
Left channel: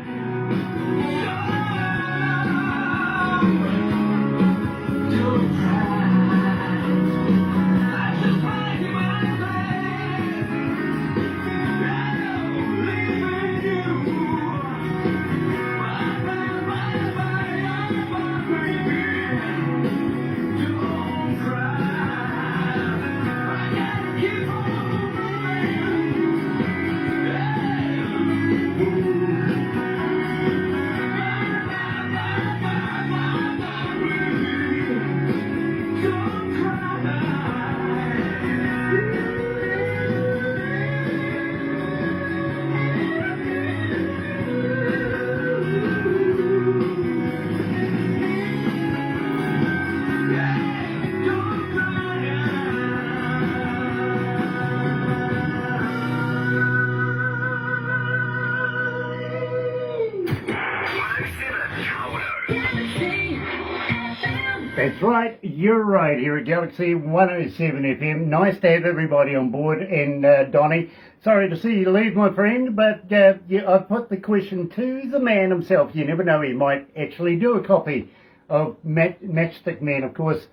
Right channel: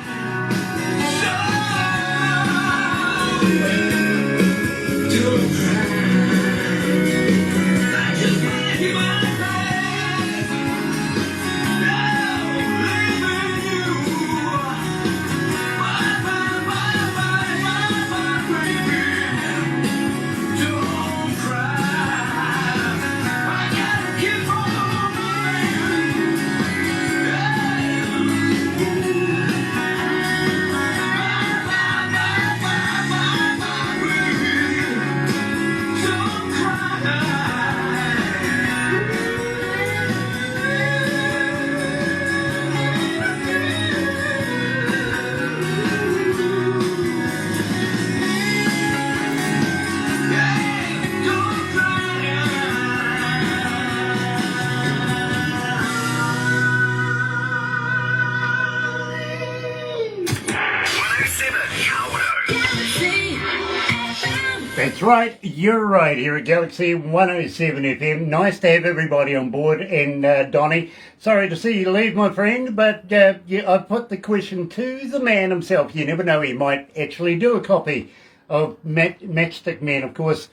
That's right, you're right here at Galaxy 107 FM. Nice to have everybody on board. And Donnie, sorry to see you leave, my friend, but I put the question to the man himself. You never know, he might actually do a copy of Matchstick Man. Of course,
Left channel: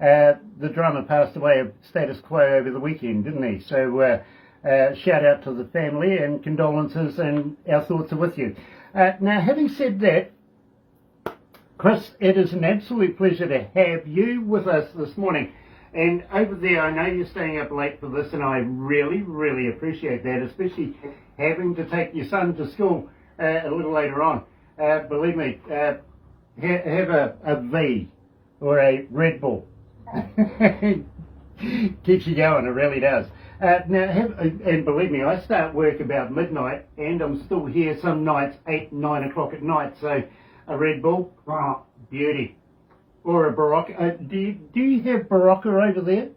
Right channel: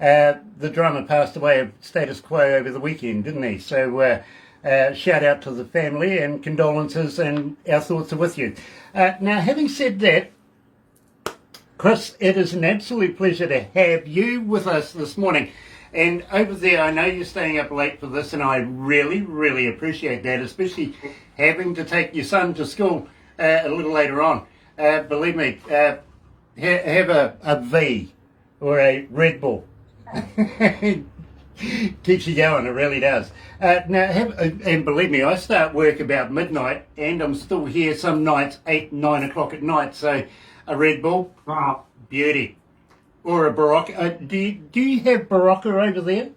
the drummer passed away of Status Quo over the weekend, didn't he? So shout out to the family and condolences, and our thoughts are with you. Now, having said that, Chris, it is an absolute pleasure to have you with us this morning. And over there, I know you're staying up late for this, and I really, really appreciate that, especially having to take your son to school a little later on. Believe me, have a V or a Red Bull. Keeps you going, it really does. And believe me, I start work about midnight, and I'm still here some nights 8, 9 o'clock at night. So a Red Bull, wow, beauty, or a Barocca. Do you have Barocca over there?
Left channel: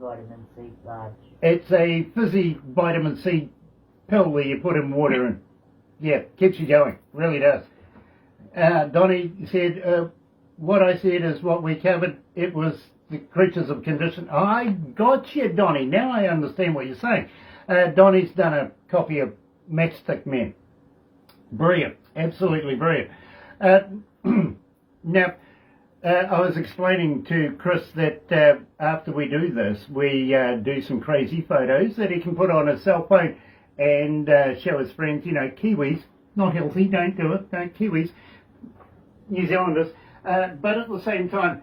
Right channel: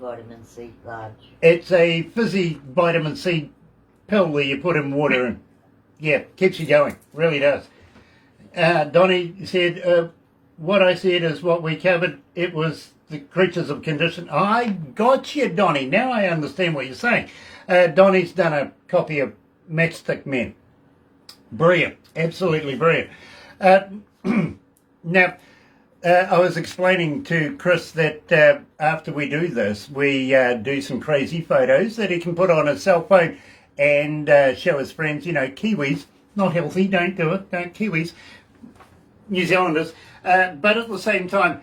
Vitamin C large. It's a fizzy vitamin C pill that you put in water, and yeah, keeps you going. Really does. Donnie said, what I said is what we covered. It was the creatures of condition. I got you, Donnie. Now I understand what you're saying. Donnie's done a copy of Matchstick Men. Brilliant. Absolutely brilliant. Now, I was explaining to Chris that after we do this, we do some crazy photos that he can put on his cell phone and show his friends. You know, Kiwis, not healthy, don't do it, don't Kiwis, New Zealanders. But at the same time,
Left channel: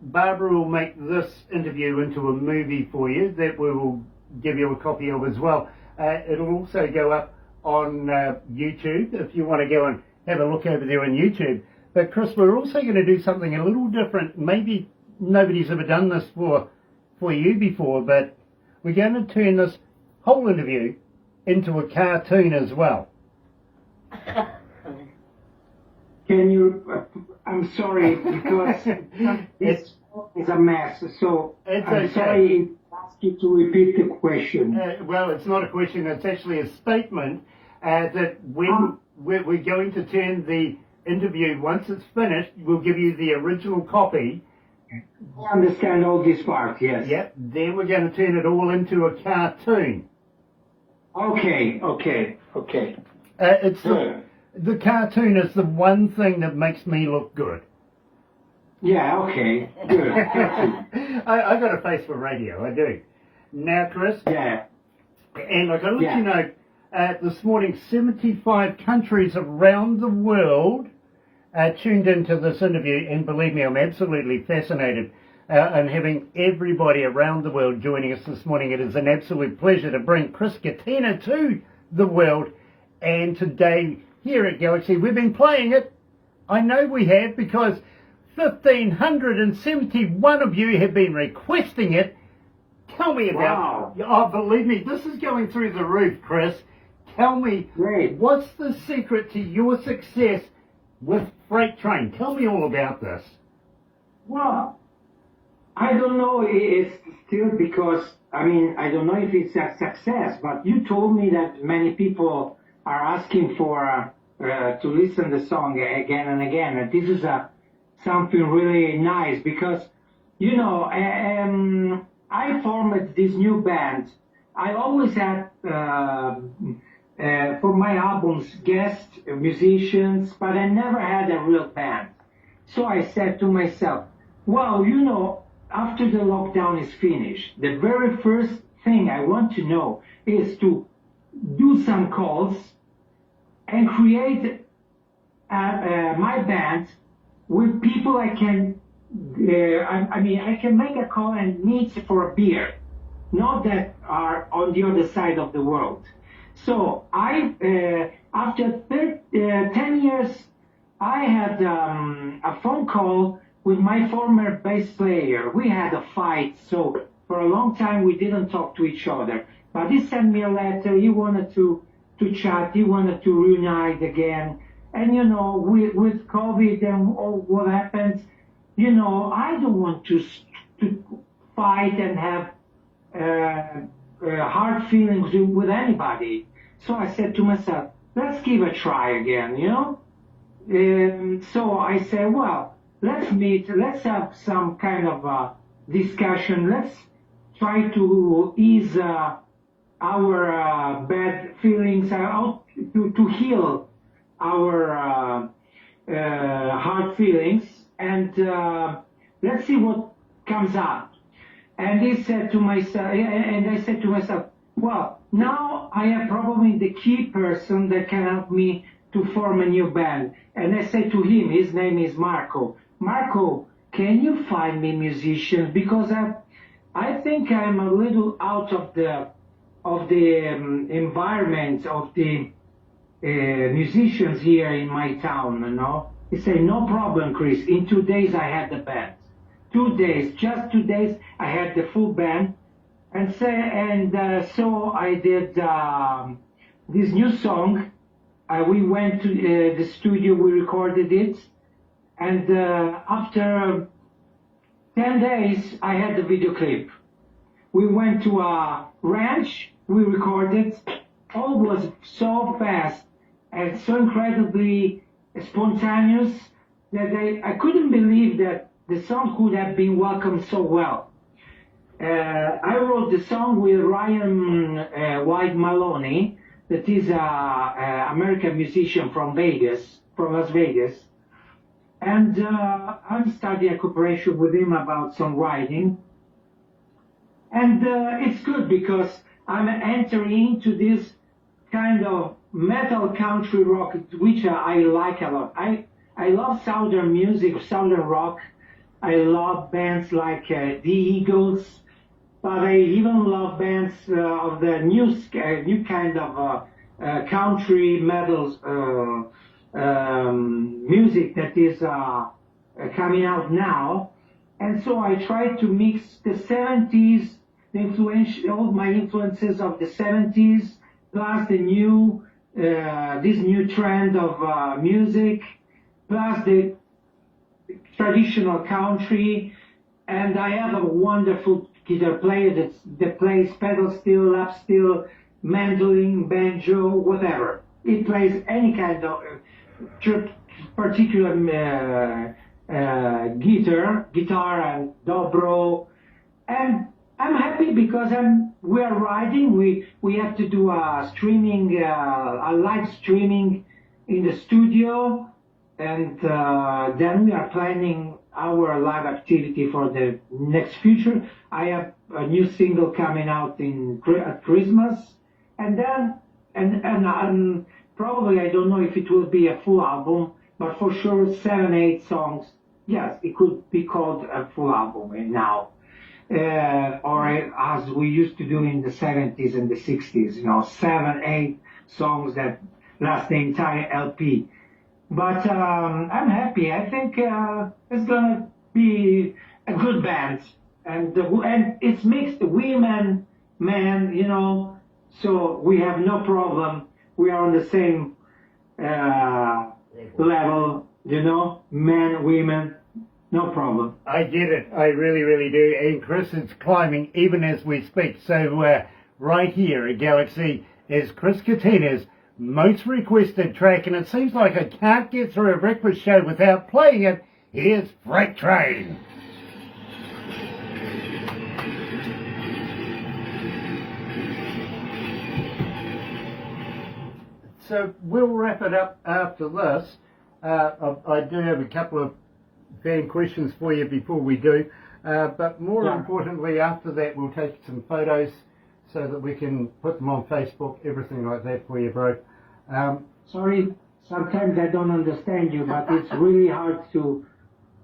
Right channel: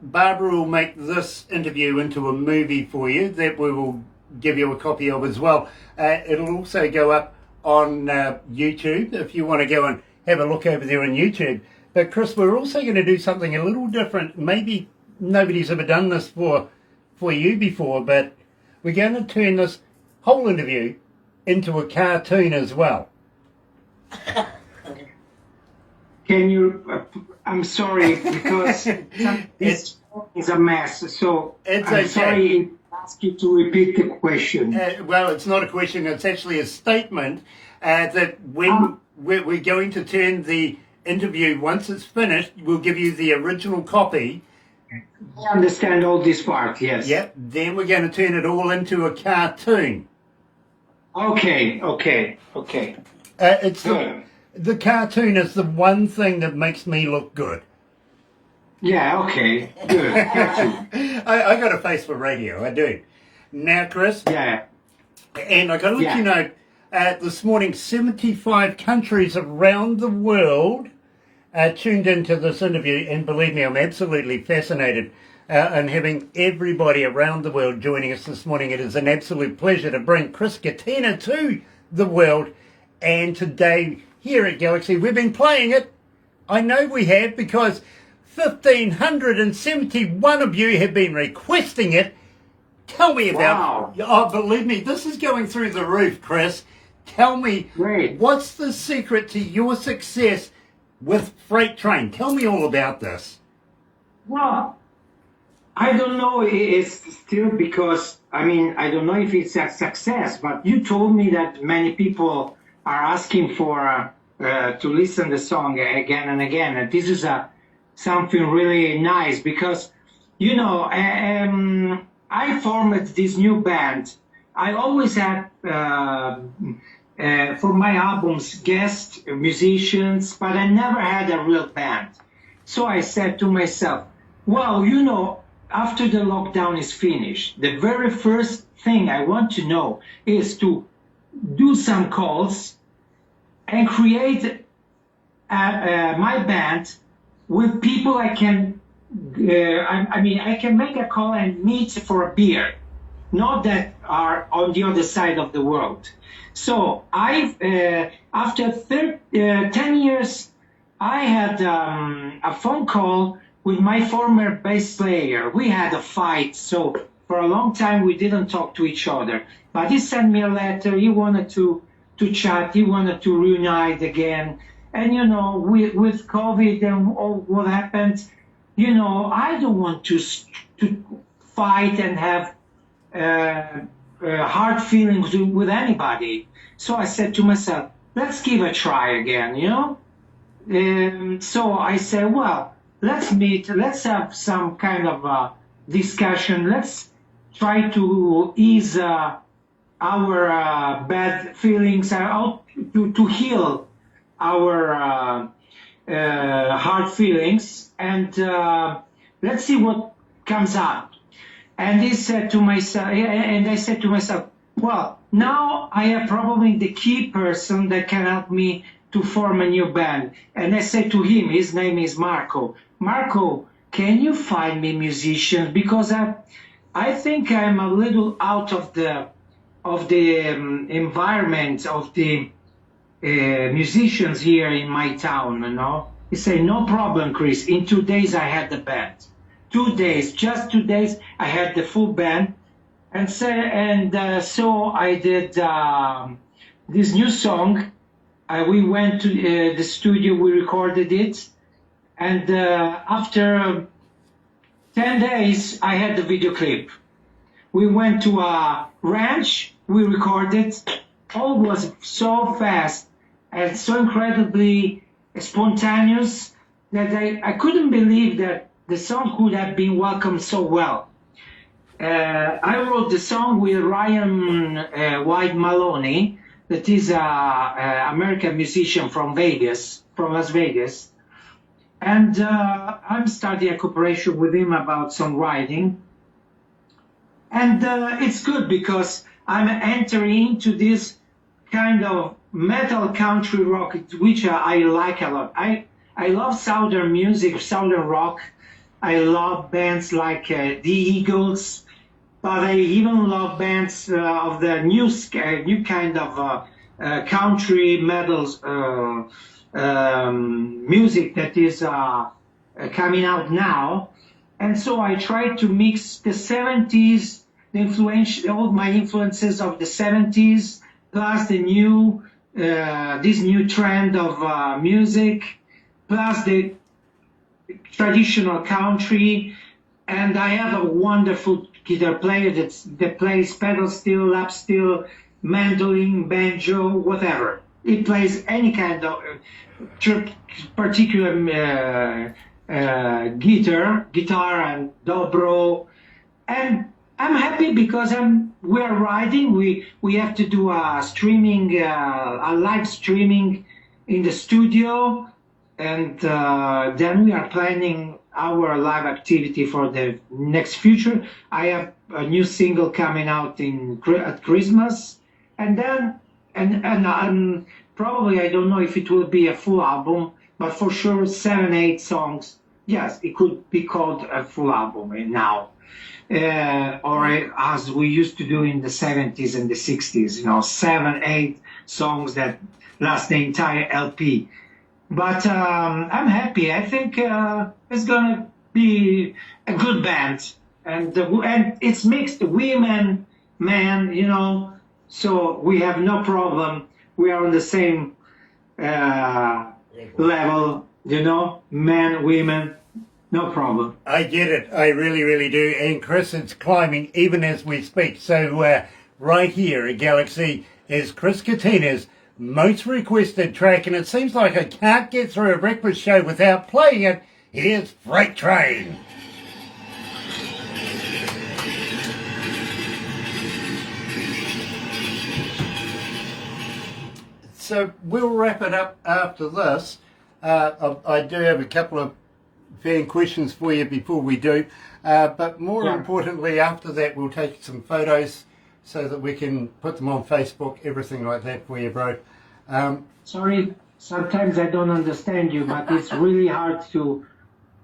Barbara will make this interview into a movie for you that we will give you a copy of as well. It'll also go up on YouTube if you want to go and have a look over there on YouTube. But Chris, we're also going to do something a little different. Maybe nobody's ever done this for you before, but we're going to turn this whole interview into a cartoon as well. Can you, I'm sorry, because this is a mess, so it's I'm okay. sorry to ask you to repeat the question. Well, it's not a question, it's actually a statement that when we're going to turn the interview, once it's finished, we'll give you the original copy. I understand all this part, yes. Yep, then we're going to turn it all into a cartoon. Okay. It's the cartoon is the one thing that makes me look good. Yeah, okay, good. I got a face for radio, I do. Now, Chris. Yeah. And I got to let you know, this morning, 75 countries around the world tuned into this interview, and believe me, I'm absolutely fascinated in having everybody around the world joining us this morning. It is an absolute pleasure to bring Chris Catena to the world, and today here at Galaxy, we've been playing it. I know we have, because 1,571 of you have been requesting it. Tell me about it. Oh, believe me, this is going through the roof, Chris. Tell me, what's the secret to your success with Freight Train? Tell me all about this. Well, I don't know. It's still because, I don't know if it's a success, but you told me that many people are asking for to listen the song again and again. And this is something really nice because, I formed this new band. I always had, for my albums, guest musicians, but I never had a real band. So I said to myself, well, after the lockdown is finished, the very first thing I want to know is to do some calls and create my band with people I can, I can make a call and meet for a beer, not that are on the other side of the world. So after 10 years, I had a phone call with my former bass player. We had a fight, so for a long time we didn't talk to each other. But he sent me a letter. He wanted to chat. He wanted to reunite again. And with COVID and all what happened, I don't want to fight and have hard feelings with anybody. So I said to myself, let's give a try again, So I said, well, let's meet, let's have some kind of discussion. Let's try to ease our bad feelings, to heal our hard feelings, and let's see what comes up. And he said to myself, and I said to myself, well, now I have probably the key person that can help me to form a new band. And I said to him, his name is Marco. Marco, can you find me musicians? Because I think I'm a little out of the environment of the musicians here in my town, you know. He said, no problem, Chris. In 2 days I had the band. 2 days, just 2 days, I had the full band. And so I did this new song. We went to the studio, we recorded it. And after 10 days, I had the video clip. We went to a ranch, we recorded. All was so fast and so incredibly spontaneous that I couldn't believe that the song could have been welcomed so well. I wrote the song with Ryan White Maloney, that is an American musician from Las Vegas. And I'm starting a cooperation with him about songwriting. And it's good because I'm entering into this kind of metal country rock, which I like a lot. I love Southern music, Southern rock. I love bands like the Eagles, but I even love bands of the new kind of country metal music that is coming out now. And so I try to mix the 70s, all my influences of the 70s, plus the new, this new trend of music, plus the traditional country. And I have a wonderful guitar player that plays pedal steel, lap steel, mandolin, banjo, whatever. He plays any kind of particular guitar and dobro, and I'm happy because we're riding. We have to do a streaming, a live streaming in the studio, and then we are planning our live activity for the next future. I have a new single coming out at Christmas, and then and probably I don't know if it will be a full album, but for sure 7-8 songs. Yes, it could be called a full album now, or as we used to do in the 70s and the 60s. 7-8 songs that last the entire LP. But I'm happy. I think it's gonna be a good band, and it's mixed women, men. So we have no problem. We are on the same level, men, women, no problem. I get it. I really, really do. And Chris, it's climbing even as we speak. So right here at Galaxy is Chris Catena's most requested track, and it seems like I can't get through a breakfast show without playing it. Here's Freight Train. So we'll wrap it up after this. I do have a couple of fan questions for you before we do, but more importantly, after that we'll take some photos so that we can put them on Facebook, everything like that for you, bro. Sorry, sometimes I don't understand you, but it's really hard to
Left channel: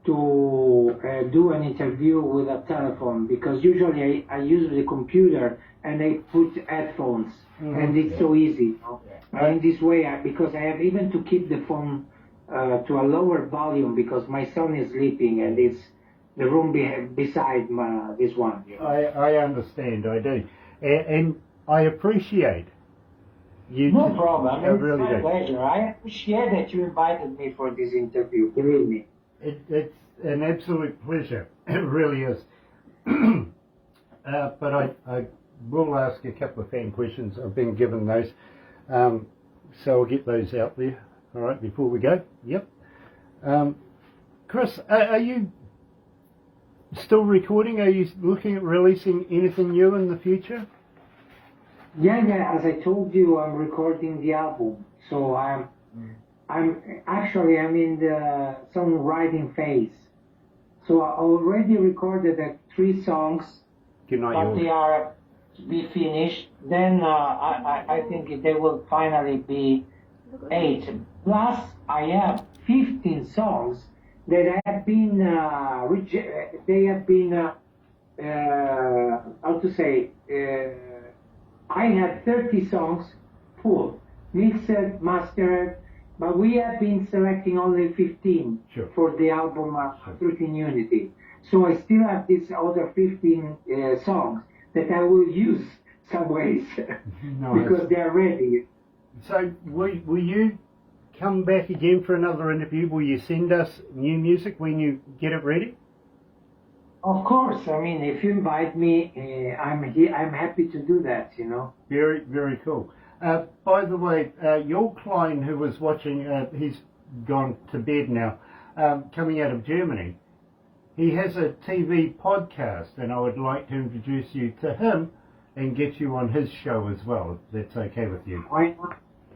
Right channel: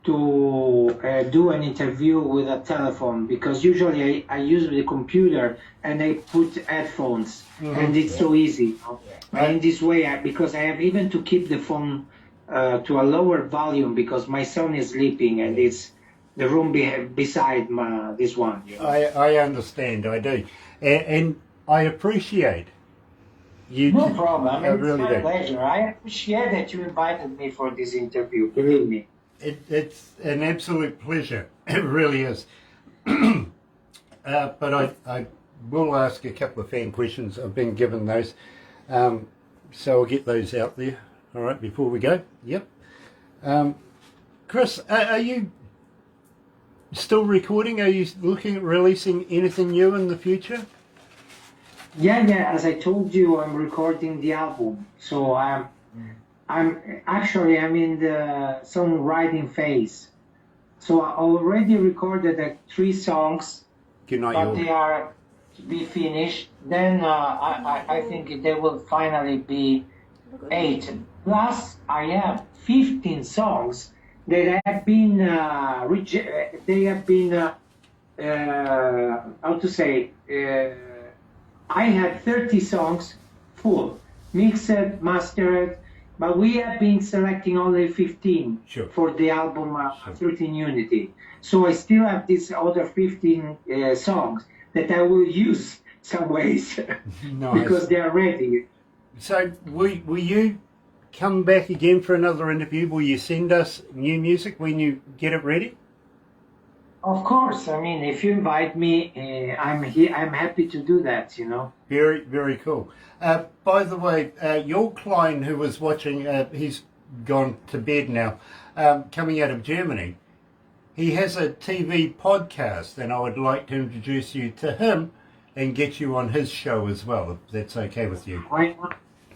do an interview with a telephone, because usually I use the computer and I put headphones, and it's so easy. And this way, because I have even to keep the phone to a lower volume because my son is sleeping and it's the room beside this one. I understand, I do, and I appreciate you. No problem. I mean, really it's my do. pleasure. I appreciate that you invited me for this interview. Believe me. It's an absolute pleasure. It really is. But I will ask a couple of fan questions. I've been given those. So I'll get those out there, all right, before we go. Yep. Chris, are you still recording? Are you looking at releasing anything new in the future? Yeah. As I told you, I'm recording the album. So I'm in the songwriting phase. So I already recorded 3 songs, Good night, but you they are to be finished. Then I think they will finally be 8. Plus, I have 15 songs that have been they have been how to say. I had 30 songs full, mixed, mastered, but we have been selecting only 15 for the album 13 Unity. So I still have these other 15 songs that I will use some ways because they are ready. So will you come back again for another interview? Will you send us new music when you get it ready? Of course. I mean, if you invite me, I'm here. I'm happy to do that, you know. Very, very cool. By the way, your client who was watching, he's gone to bed now, coming out of Germany, he has a TV podcast, and I would like to introduce you to him and get you on his show as well, if that's okay with you.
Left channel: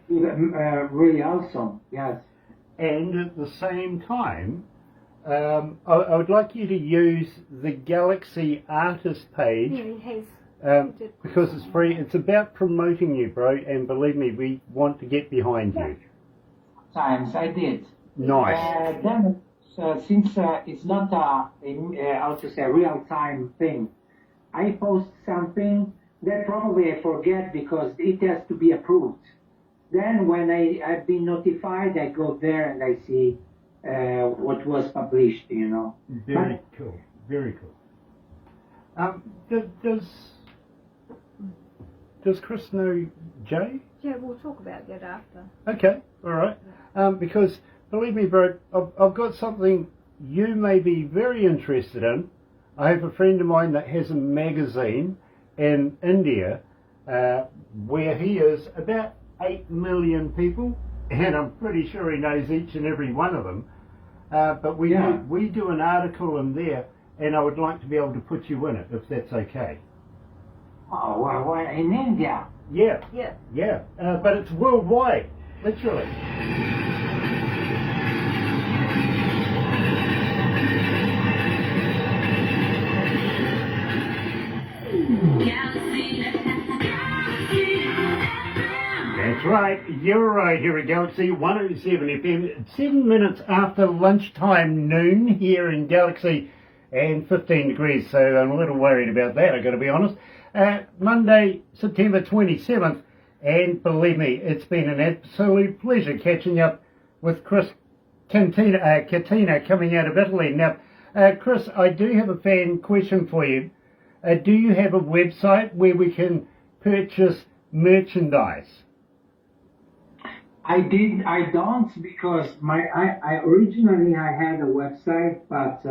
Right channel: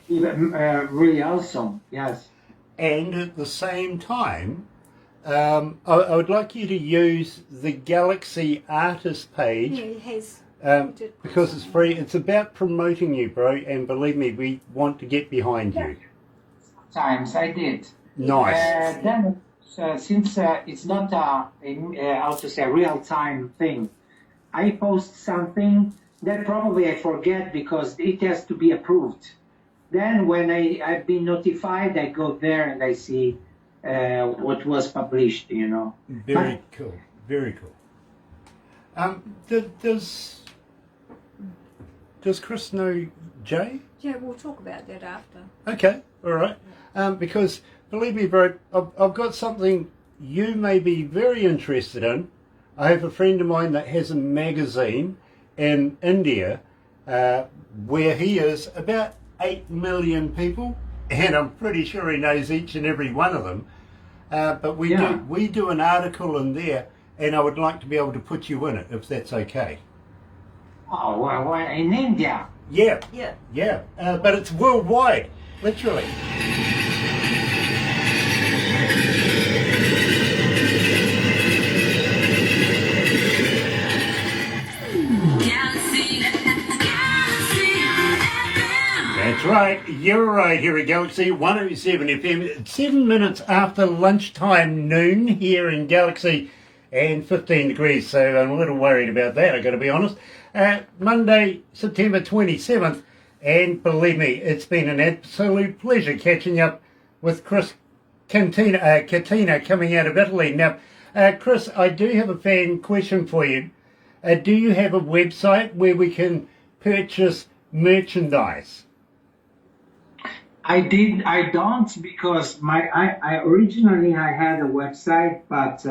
Really awesome, yes. And at the same time, I would like you to use the Galaxy artist page because it's free. It's about promoting you, bro, and believe me, we want to get behind you. Times I did. Nice. Then, since it's not a real-time thing, I post something that probably I forget because it has to be approved. Then when I've been notified, I go there and I see what was published, you know. Very cool. Very cool. Does Chris know Jay? Yeah, we'll talk about that after. Okay, all right. Because believe me, bro, I've got something you may be very interested in. I have a friend of mine that has a magazine in India where he is about 8 million people, and I'm pretty sure he knows each and every one of them. But we do an article in there, and I would like to be able to put you in it, if that's okay. Oh, well, in India? Yeah. Yeah. But it's worldwide, literally. That's right, you're right here at Galaxy 107 FM. It's 7 minutes after lunchtime, noon here in Galaxy, and 15 degrees, so I'm a little worried about that, I've got to be honest. Monday, September 27th, and believe me, it's been an absolute pleasure catching up with Chris Catena coming out of Italy. Now, Chris, I do have a fan question for you. Do you have a website where we can purchase merchandise? I don't because I originally had a website, but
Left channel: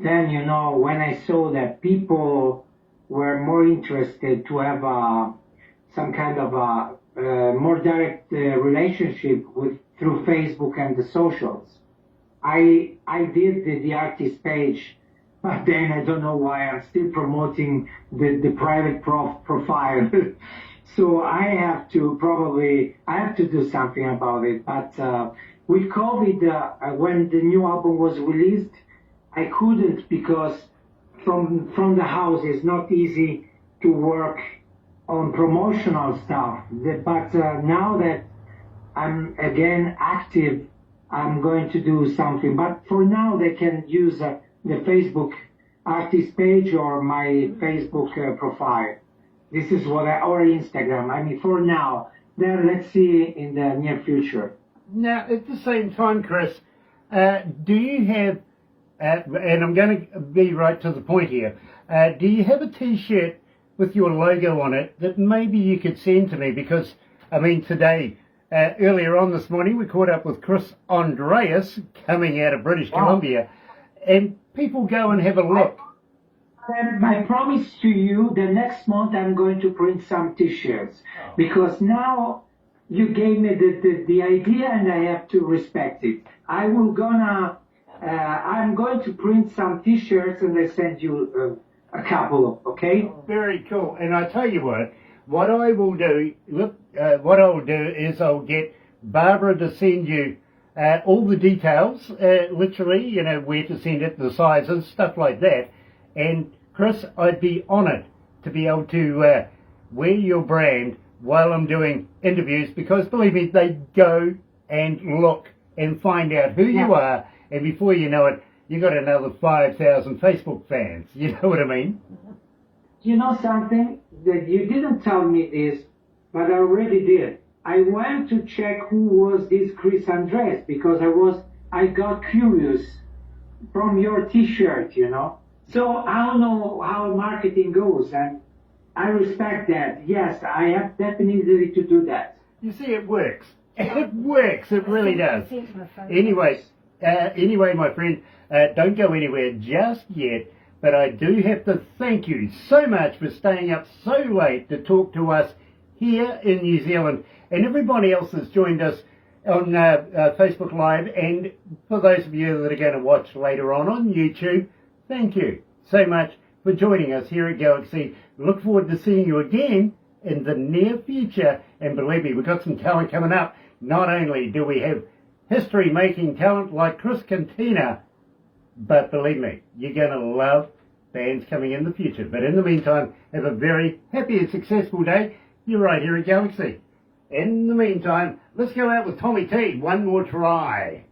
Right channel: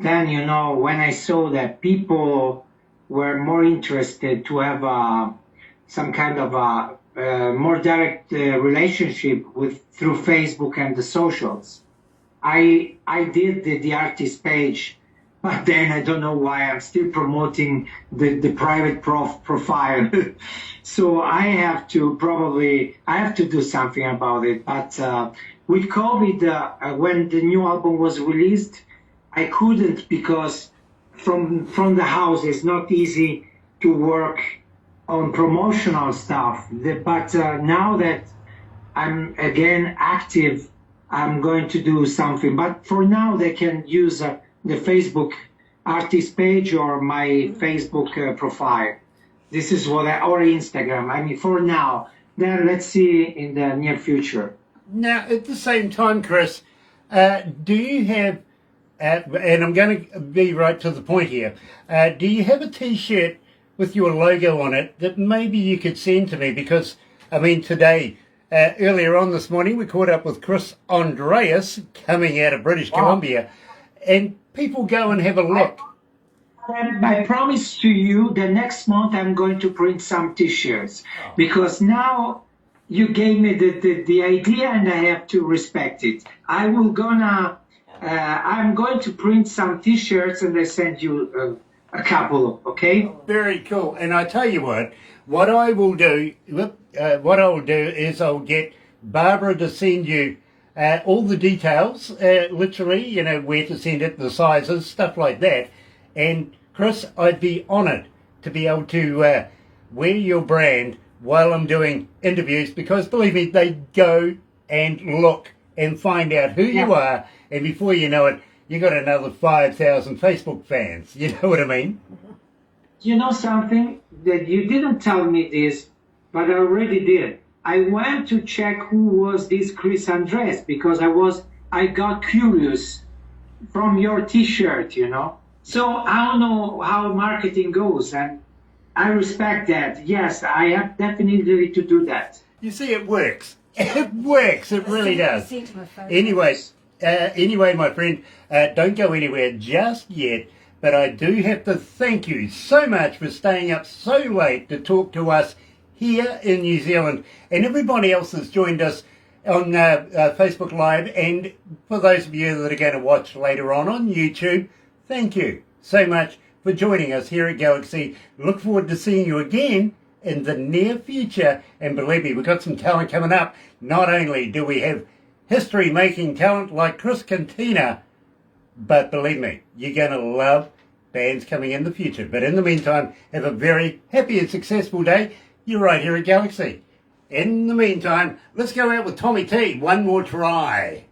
then, you know, when I saw that people were more interested to have some kind of a more direct relationship through Facebook and the socials, I did the artist page, but then I don't know why I'm still promoting the private profile. So I have to do something about it. But with COVID, when the new album was released, I couldn't because from the house it's not easy to work on promotional stuff. But now that I'm again active, I'm going to do something. But for now, they can use the Facebook artist page or my Facebook profile. This is or Instagram. I mean, for now. Then let's see in the near future. Now, at the same time, Chris, do you have, and I'm going to be right to the point here, do you have a T-shirt with your logo on it that maybe you could send to me? Because, I mean, today, earlier on this morning, we caught up with Chris Andreas coming out of British Columbia, and people go and have a look. I promise to you the next month I'm going to print some T-shirts because now you gave me the idea and I have to respect it. I will gonna I'm going to print some T-shirts and I send you a couple, okay? Very cool. And I tell you what I will do, is I'll get Barbara to send you all the details, literally, you know, where to send it, the sizes, stuff like that. And Chris, I'd be honoured to be able to wear your brand while I'm doing interviews, because believe me, they go and look and find out who you are, and before you know it, you got another 5,000 Facebook fans. You know what I mean? You know something? That you didn't tell me this, but I already did. I went to check who was this Chris Andres because I got curious from your T-shirt, you know. So I don't know how marketing goes, and I respect that. Yes, I have definitely to do that. You see, it works. It works. It really does. Sent him a photo. Anyway, my friend, don't go anywhere just yet. But I do have to thank you so much for staying up so late to talk to us here in New Zealand, and everybody else that's joined us on Facebook Live, and for those of you that are going to watch later on YouTube, thank you so much for joining us here at Galaxy. Look forward to seeing you again in the near future, and believe me, we've got some talent coming up. Not only do we have history-making talent like Chris Catena, but believe me, you're going to love bands coming in the future. But in the meantime, have a very happy and successful day. You're right here at Galaxy. In the meantime, let's go out with Tommy T. One more try.